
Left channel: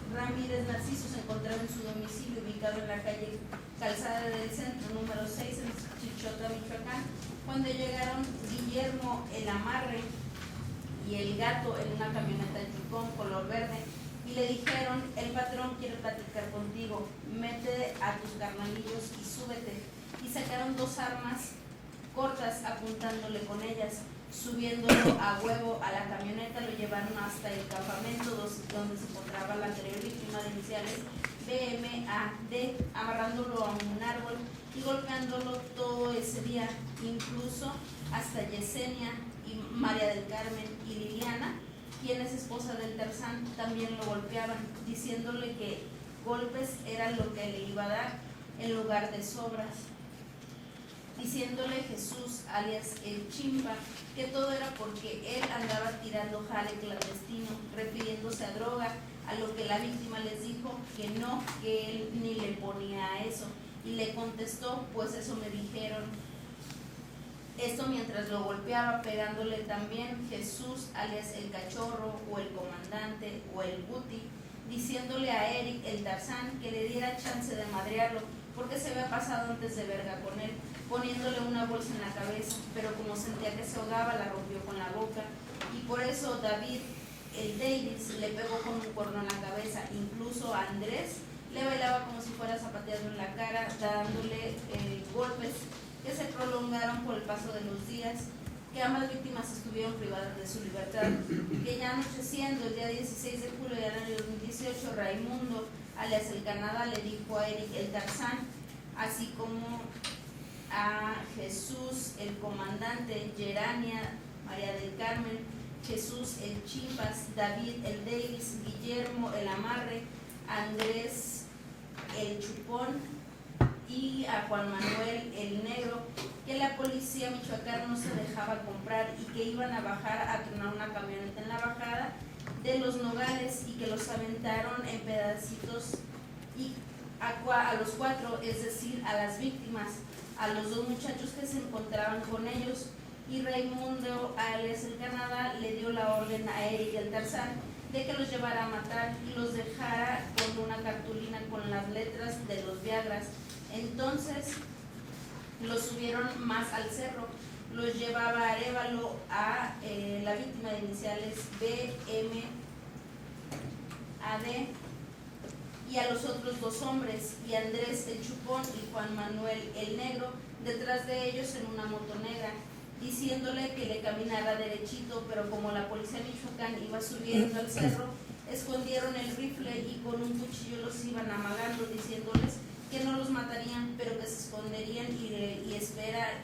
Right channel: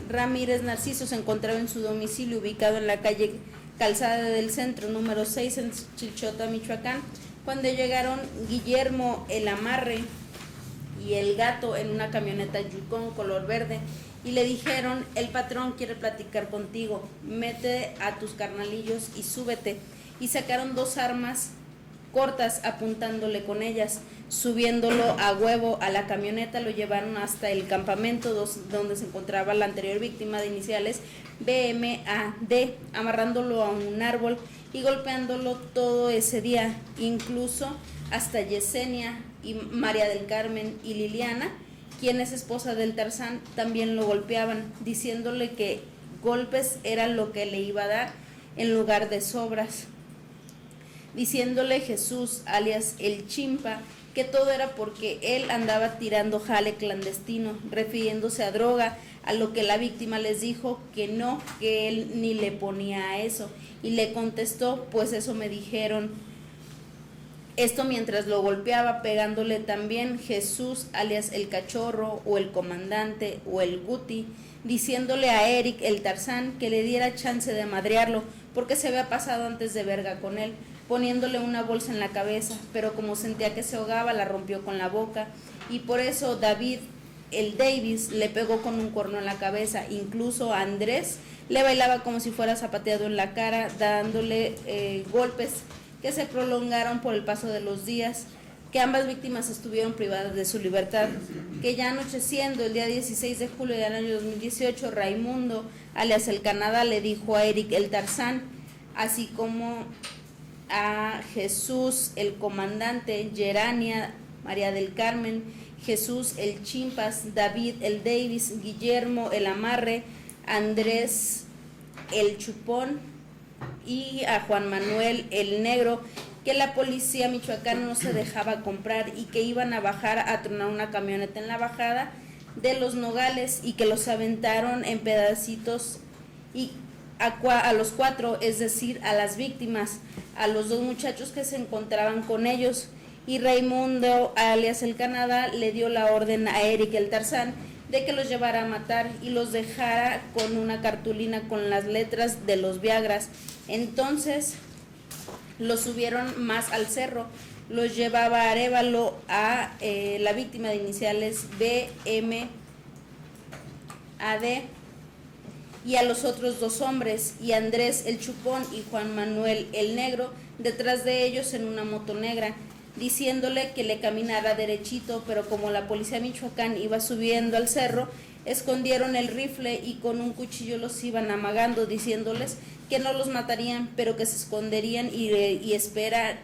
Ramírez Narciso se encontraba en su domicilio ubicado en la calle Calzada del Centro, número 6, en Chilchota, Michoacán, cuando llegaron Guillermo el Amarre y el Gato en una camioneta Yukon color verde y le dijeron: el patrón quiere platicar contigo, mete a tus carnalillos y súbete. Y sacaron dos armas cortas apuntándole con ellas, subiéndolo a huevo a la camioneta, lo llevaron hasta el campamento donde se encontraba la anterior víctima de iniciales BMAD, amarrándolo a un árbol y golpeándolo todo ese día, incluso hasta Yesenia y María del Carmen y Liliana, quien es esposa del Tarzán, también lo golpeaban, diciéndole que golpes era lo que le iba a dar en lugar de sobras, diciéndole Jesús, alias el Chimpa, que todo era porque él andaba tirando jale clandestino, refiriéndose a droga, a lo que la víctima les dijo que no, que él ni le ponía a eso, y le contestó, pues eso me dijeron. Esto mientras lo golpeaba, pegándole también Jesús, alias el Cachorro, o el Comandante, o el Guti, diciéndole a Eric el Tarzán que le diera chance de madrearlo, porque se había pasado antes de verga con él, poniéndole una bolsa en la cabeza, pero como sentía que se ahogaba, la rompió con la boca, y por eso David, el Davis, le pegó con un cuerno en la cabeza. Incluso a Andrés le bailaba como si fuera zapateado en la cara, dándole golpes que se prolongaron por el paso de los días, que ambas víctimas estuvieron privadas de su libertad, que ya anocheciendo el día 16 de julio del año 2018, Raimundo, alias el Canadá, le dijo a Eric el Tarzán, así como a Jesús el Comandante, Gerania, María del Carmen, Jesús el Chimpas, David el Davis, Guillermo el Amarre, Andrés el Chupón y a Juan Manuel el Negro, que la policía michoacana no se dejaba comprar y que iban a bajar a tronar una camioneta en la bajada de Los Nogales y que los aventaron en pedacitos y a los 4, es decir, a las víctimas, a los 2 muchachos que se encontraban con ellos, y Raimundo, alias el Canadá, le dio la orden a Eric el Tarzán de que los llevara a matar y los dejara con una cartulina con las letras de los Viagras. Entonces los subieron más al cerro, los llevaba a Arévalo a la víctima de iniciales BMAD y a los otros 2 hombres, y Andrés el Chupón y Juan Manuel el Negro detrás de ellos en una moto negra, diciéndole que le caminara derechito, pero como la policía Michoacán iba subiendo al cerro, escondieron el rifle y con un cuchillo los iban amagando, diciéndoles que no los matarían, pero que se esconderían y lo esperaran,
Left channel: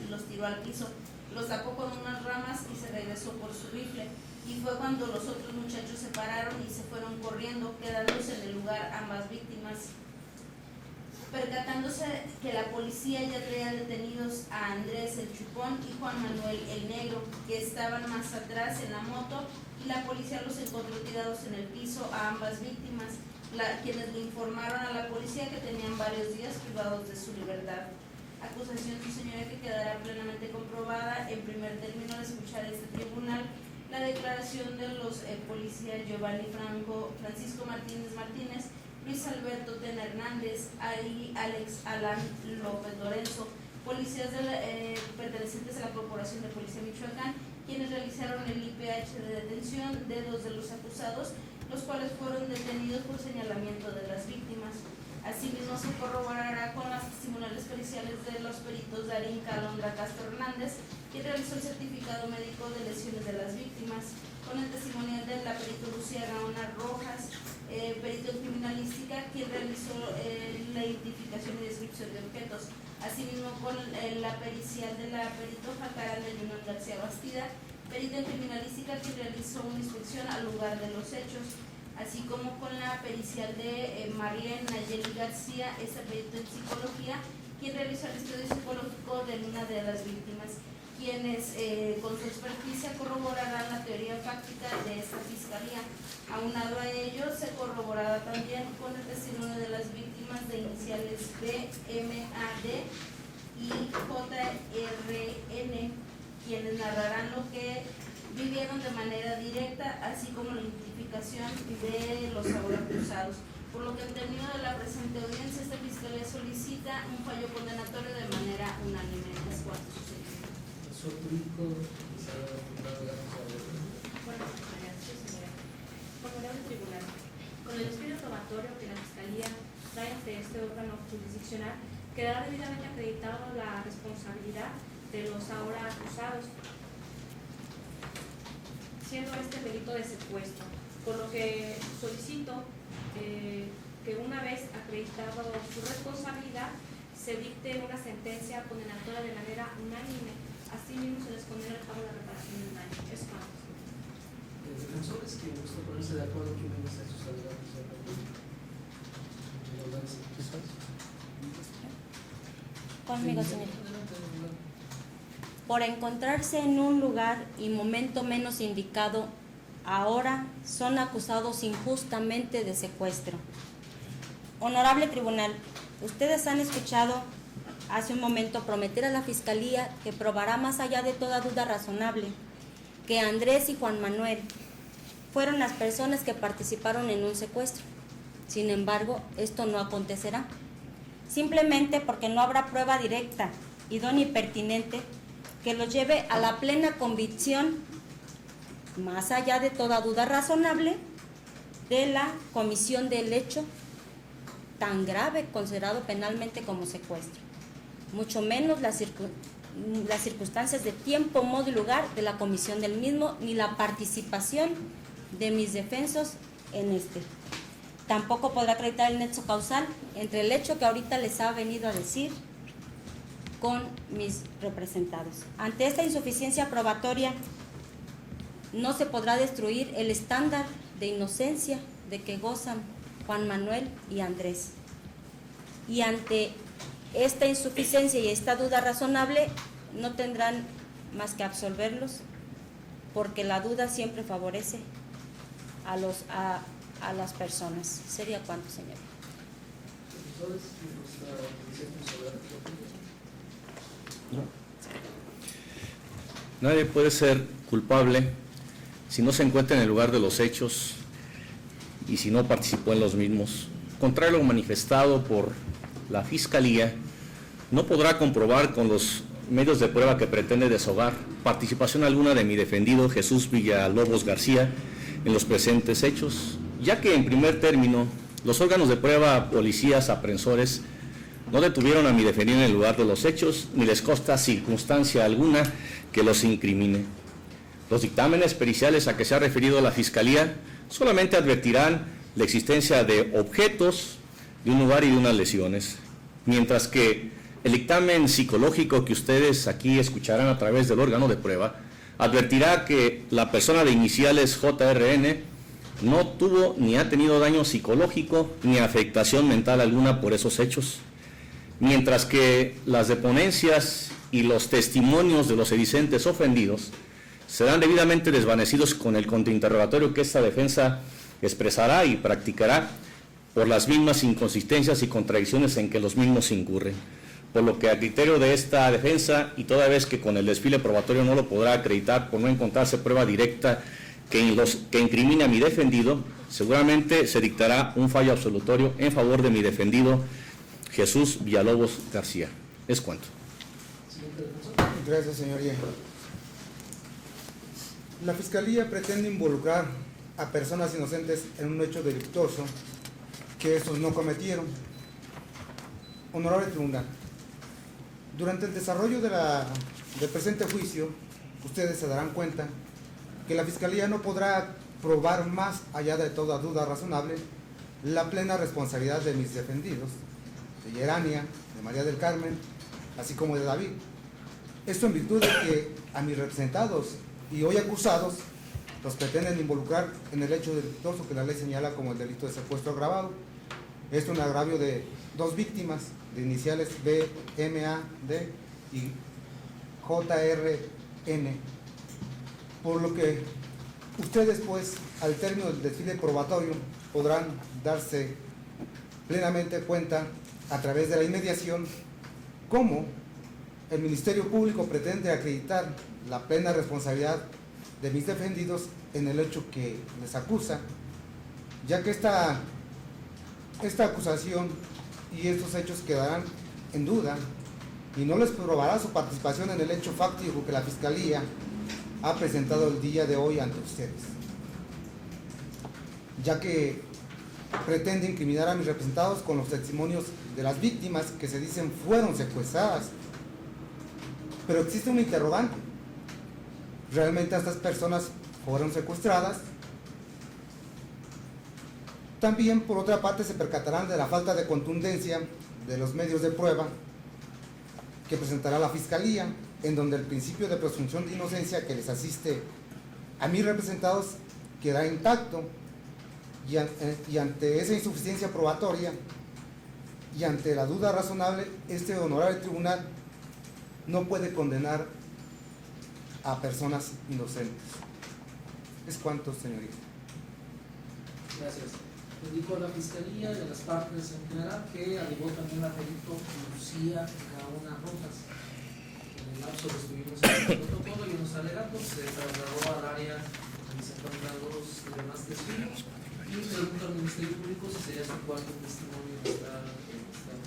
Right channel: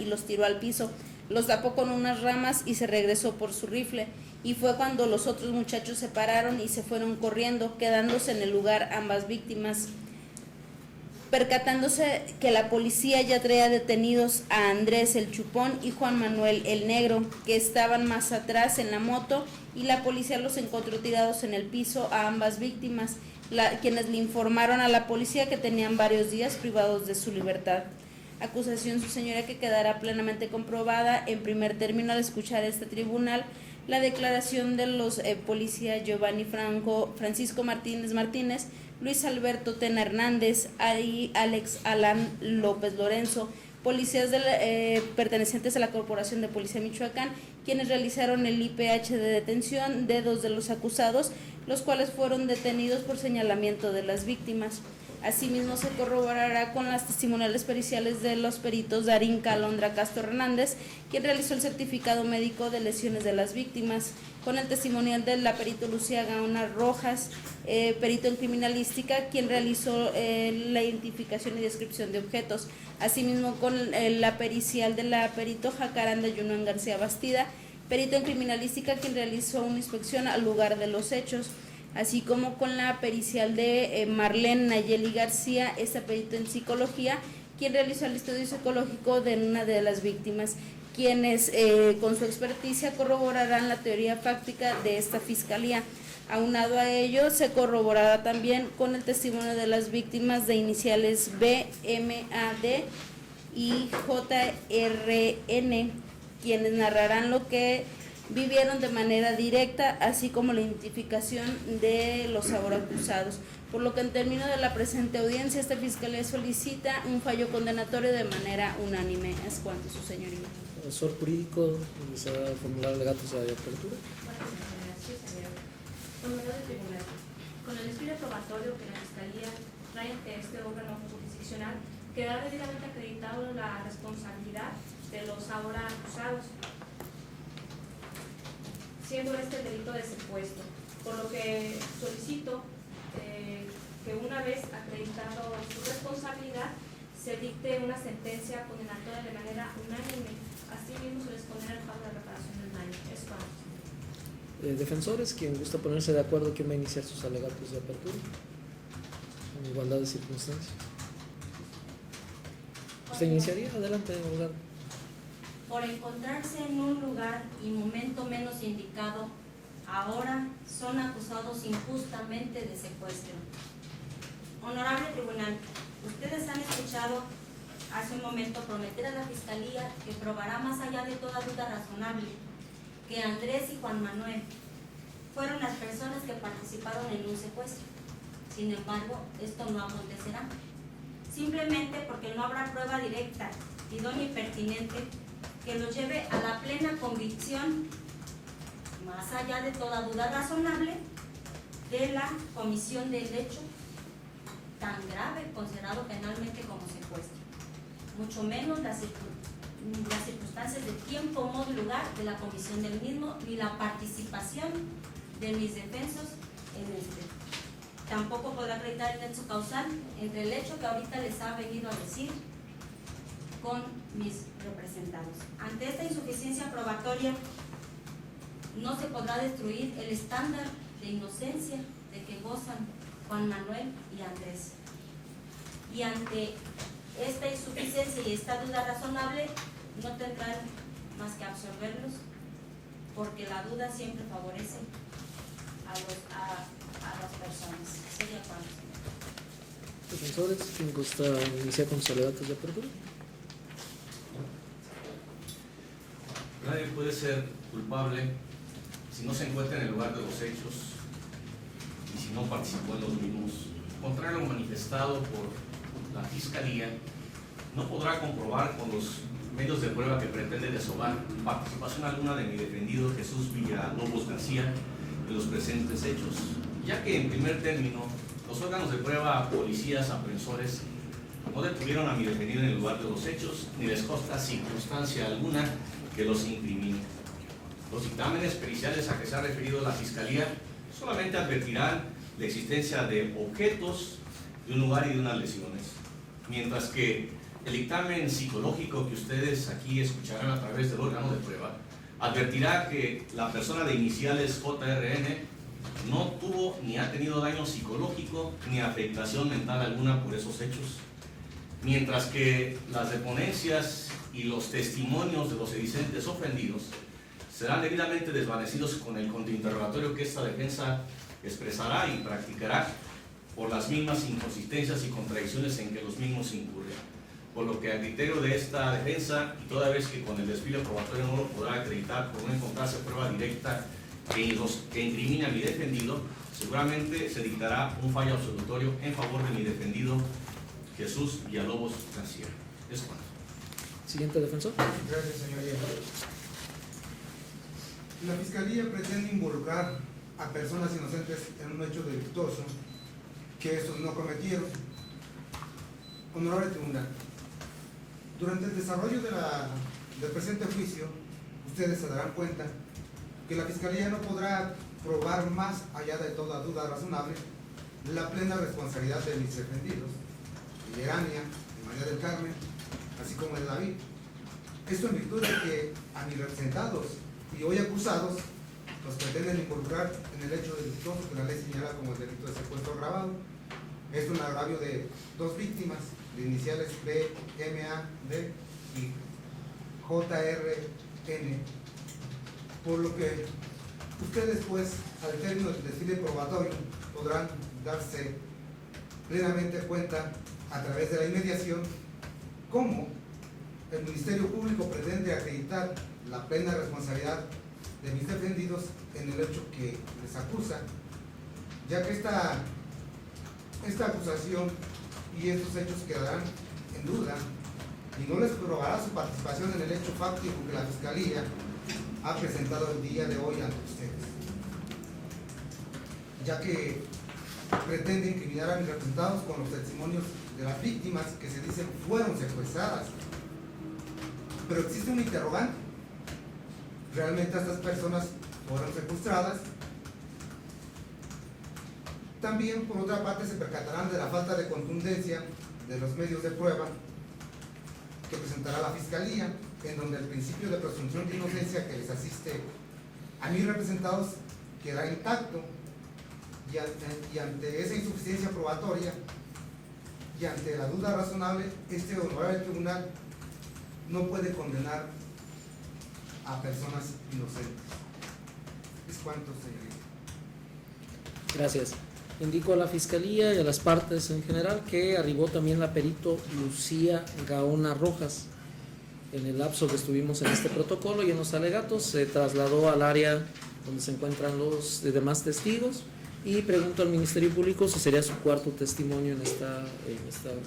y los tiró al piso, los tapó con unas ramas y se regresó por su rifle, y fue cuando los otros muchachos se pararon y se fueron corriendo, quedándose en el lugar ambas víctimas. Percatándose que la policía ya traía detenidos a Andrés el Chupón y Juan Manuel el Negro, que estaban más atrás en la moto, y la policía los encontró tirados en el piso a ambas víctimas, quienes le informaron a la policía que tenían varios días privados de su libertad. Acusación, su señoría, que quedará plenamente comprobada en primer término al escuchar este tribunal la declaración de los policías Giovanni Francisco Martínez, Luis Alberto Tena Hernández y Alex Alan López Lorenzo, policías pertenecientes a la Corporación de Policía Michoacán, quienes realizaron el IPH de detención de 2 de los acusados, los cuales fueron detenidos por señalamiento de las víctimas. Asimismo, se corroborará con las testimoniales periciales de los peritos Darín Calondra Castro Hernández, quien realizó el certificado médico de lesiones de las víctimas, con el testimonial de la perito Lucía Gaona Rojas, perito en criminalística, quien realizó la identificación y descripción de objetos. Asimismo, con la pericial de la perito Jacaranda Yunuen García Bastida, perito en criminalística, quien realizó una inspección al lugar de los hechos, así como con la pericial de Marlene Nayeli García, esta perito en psicología, quien realizó el estudio psicológico de una de las víctimas, quienes con su experticia corroborarán la teoría fáctica de esta fiscalía. Aunado a ello, se corroborará también con el testimonio de las víctimas de iniciales BMAD y JRN, quienes narrarán lo que vivieron de manera directa, así como la identificación de los ahora acusados. Por lo que en términos de la presente audiencia, esta fiscalía solicita un fallo condenatorio de manera unánime. Es cuanto, su señoría. Asesor jurídico, se va a formular alegatos de apertura. Bueno, sí, señor. Honorable tribunal, con el estudio probatorio que la Fiscalía trae ante este órgano jurisdiccional, quedará debidamente acreditado la responsabilidad de los ahora acusados, siendo este el delito de secuestro, por lo que solicito que una vez acreditado su responsabilidad, se dicte una sentencia condenatoria de manera unánime. Asimismo, se les condena el pago de reparación del daño. Es todo. Defensores, quien gusta ponerse de acuerdo, ¿quién va a iniciar sus alegatos de apertura? en igualdad de circunstancias. ¿Se Conmigo, iniciaría? señor. Adelante, abogado. Por encontrarse en un lugar y momento menos indicado, ahora son acusados injustamente de secuestro. Honorable Tribunal, ustedes han escuchado hace un momento prometer a la Fiscalía que probará más allá de toda duda razonable que Andrés y Juan Manuel fueron las personas que participaron en un secuestro. Sin embargo, esto no acontecerá, simplemente porque no habrá prueba directa, idónea y pertinente que los lleve a la plena convicción, más allá de toda duda razonable, de la comisión del hecho tan grave considerado penalmente como secuestro, mucho menos las circunstancias de tiempo, modo y lugar de la comisión del mismo, ni la participación de mis defensos en este. Tampoco podrá acreditar el nexo causal entre el hecho que ahorita les ha venido a decir con mis representados. Ante esta insuficiencia probatoria, no se podrá destruir el estándar de inocencia de que gozan Juan Manuel y Andrés. Y ante esta insuficiencia y esta duda razonable, no tendrán más que absolverlos, porque la duda siempre favorece a las personas. ¿Sería cuánto, señor? Defensores, ¿quién gusta iniciar con sus alegatos de apertura? Nadie puede ser culpable si no se encuentra en el lugar de los hechos y si no participó en los mismos. Contrario a lo manifestado por la Fiscalía, no podrá comprobar con los medios de prueba que pretende deshogar participación alguna de mi defendido Jesús Villalobos García en los presentes hechos, ya que en primer término los órganos de prueba, policías, aprensores, no detuvieron a mi defendido en el lugar de los hechos, ni les consta circunstancia alguna que los incrimine. Los dictámenes periciales a que se ha referido la Fiscalía solamente advertirán la existencia de objetos, de un lugar y de unas lesiones, mientras que el dictamen psicológico que ustedes aquí escucharán a través del órgano de prueba advertirá que la persona de iniciales JRN no tuvo ni ha tenido daño psicológico ni afectación mental alguna por esos hechos, mientras que las deponencias y los testimonios de los sedicentes ofendidos serán debidamente desvanecidos con el contrainterrogatorio que esta defensa expresará y practicará por las mismas inconsistencias y contradicciones en que los mismos incurren. Por lo que a criterio de esta defensa, y toda vez que con el desfile probatorio no lo podrá acreditar por no encontrarse prueba directa que incrimine a mi defendido, seguramente se dictará un fallo absolutorio en favor de mi defendido Jesús Villalobos García. Es cuanto. Siguiente defensor. Gracias, señor Yejo. La Fiscalía pretende involucrar a personas inocentes en un hecho delictuoso que estos no cometieron. Honorable Tribunal, durante el desarrollo del presente juicio, ustedes se darán cuenta que la Fiscalía no podrá probar más allá de toda duda razonable la plena responsabilidad de mis defendidos, de Yerania, de María del Carmen, así como de David. Esto en virtud de que a mis representados y hoy acusados los pretenden involucrar en el hecho delictuoso que la ley señala como el delito de secuestro agravado. Esto es un agravio de dos víctimas de iniciales B, M, A, D y J, R, N, por lo que ustedes pues al término del desfile probatorio podrán darse plenamente cuenta a través de la inmediación cómo el Ministerio Público pretende acreditar la plena responsabilidad de mis defendidos en el hecho que les acusa, ya que esta acusación y estos hechos quedarán en duda y no les probará su participación en el hecho fáctico que la Fiscalía ha presentado el día de hoy ante ustedes, ya que pretende incriminar a mis representados con los testimonios de las víctimas que se dicen fueron secuestradas. Pero existe un interrogante: ¿realmente estas personas fueron secuestradas? También, por otra parte, se percatarán de la falta de contundencia de los medios de prueba que presentará la Fiscalía, en donde el principio de presunción de inocencia que les asiste a mis representados queda intacto, y ante esa insuficiencia probatoria y ante la duda razonable, este honorable tribunal no puede condenar a personas inocentes. Es cuanto, señorita. Gracias. Indico a la Fiscalía y a las partes en general que arribó también la perito Lucía Gaona Rojas. En el lapso que estuvimos en este protocolo y en los alegatos se trasladó al área donde se encuentran los demás testigos y pregunto al Ministerio Público si sería su cuarto testimonio en esta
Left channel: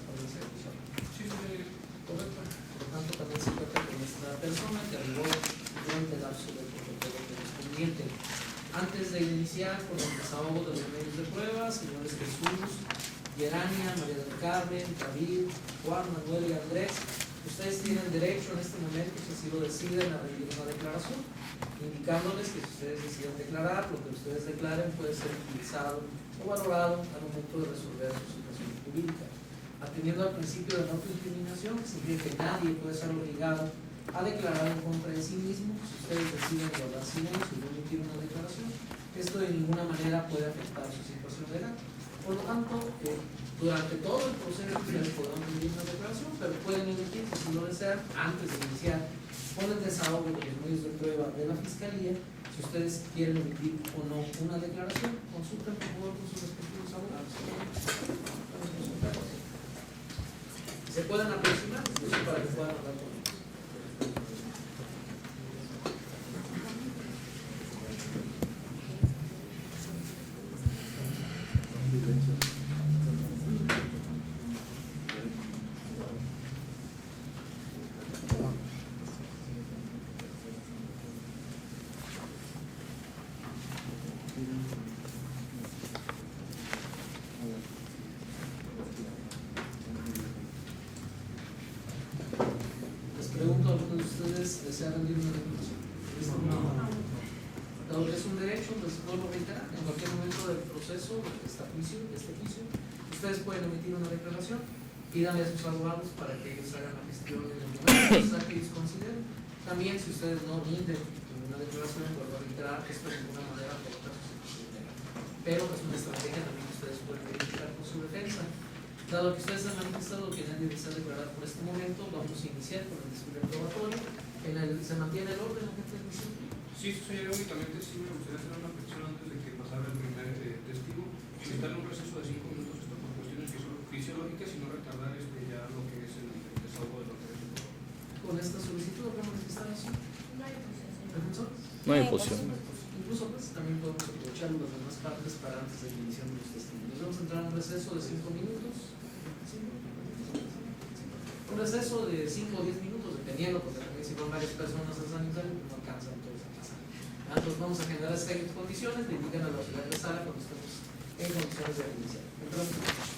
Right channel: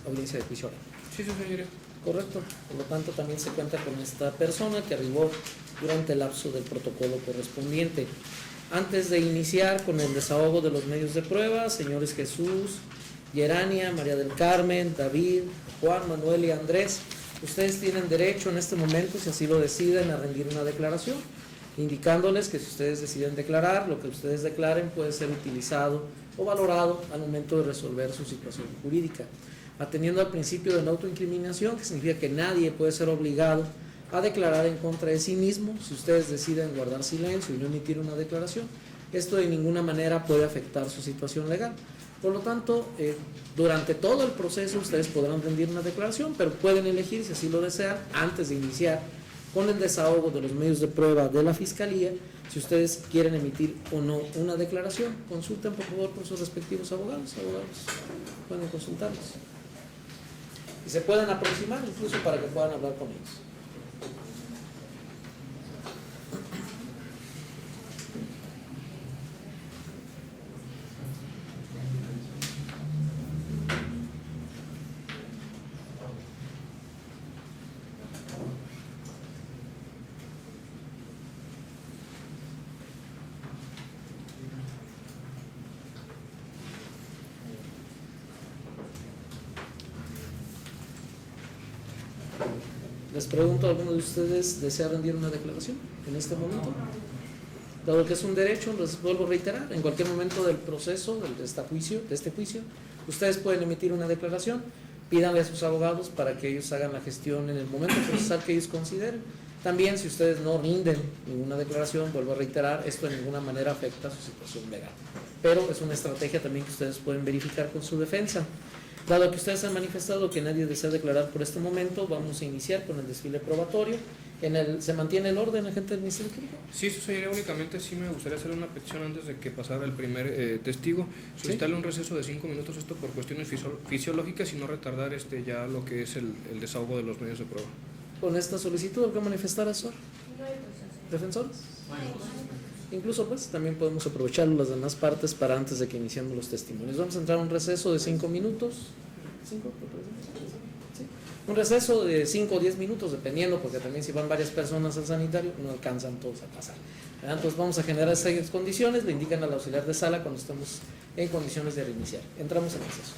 audiencia de juicio. Sí, señorita. Correcto. Por lo tanto, también se cuenta con esta persona que arribó durante el lapso del protocolo correspondiente. Antes de iniciar con el desahogo de los medios de prueba, señores Jesús, Yerania, María del Carmen, David, Juan, Manuel y Andrés, ustedes tienen derecho en este momento, si así lo deciden, a rendir una declaración, indicándoles que si ustedes deciden declarar, lo que ustedes declaren puede ser utilizado o valorado al momento de resolver su situación jurídica. Atendiendo al principio de la autoincriminación, que significa que nadie puede ser obligado a declarar en contra de sí mismo, si ustedes deciden guardar silencio y no emitir una declaración, esto de ninguna manera puede afectar su situación legal. Por lo tanto, durante todo el proceso ustedes podrán rendir una declaración, pero pueden elegir, si así lo desean, antes de iniciar con el desahogo de los medios de prueba de la Fiscalía, si ustedes quieren emitir o no una declaración. Consulten por favor con sus respectivos abogados. Pueden consultarlos. Se pueden aproximar incluso para que puedan hablar con ellos. Les pregunto, ¿alguno de ustedes desea rendir una declaración en este momento? Dado que es un derecho, les vuelvo a reiterar, en cualquier momento del proceso de este juicio, ustedes pueden emitir una declaración, pídanle a sus abogados para que ellos hagan la gestión en el momento procesal que ellos consideren. También, si ustedes no rinden ninguna declaración, vuelvo a reiterar, esto de ninguna manera afecta su situación legal. Pero es una estrategia también que ustedes pueden verificar con su defensa. Dado que ustedes han manifestado que nadie desea declarar por este momento, vamos a iniciar con el desfile probatorio. ¿Se mantiene el orden, agente del Ministerio Público? Sí, señoría, únicamente sí me gustaría hacer una petición antes de que pasara el primer testigo. Solicitarle un receso de 5 minutos, esto por cuestiones fisiológicas y no retardar ya lo que es el desahogo de los medios de prueba. Con esta solicitud, ¿algo manifestar a su defensor? No hay posición. Incluso pues también podemos aprovechar las demás partes para antes de que iniciemos los testimonios. Vamos a entrar a un receso de 5 minutos. Un receso de 5 o 10 minutos, dependiendo, porque también si van varias personas al sanitario no alcanzan todos a pasar. Entonces vamos a generar esas condiciones, le indican al auxiliar de sala cuando estemos en condiciones de reiniciar. Entramos en receso.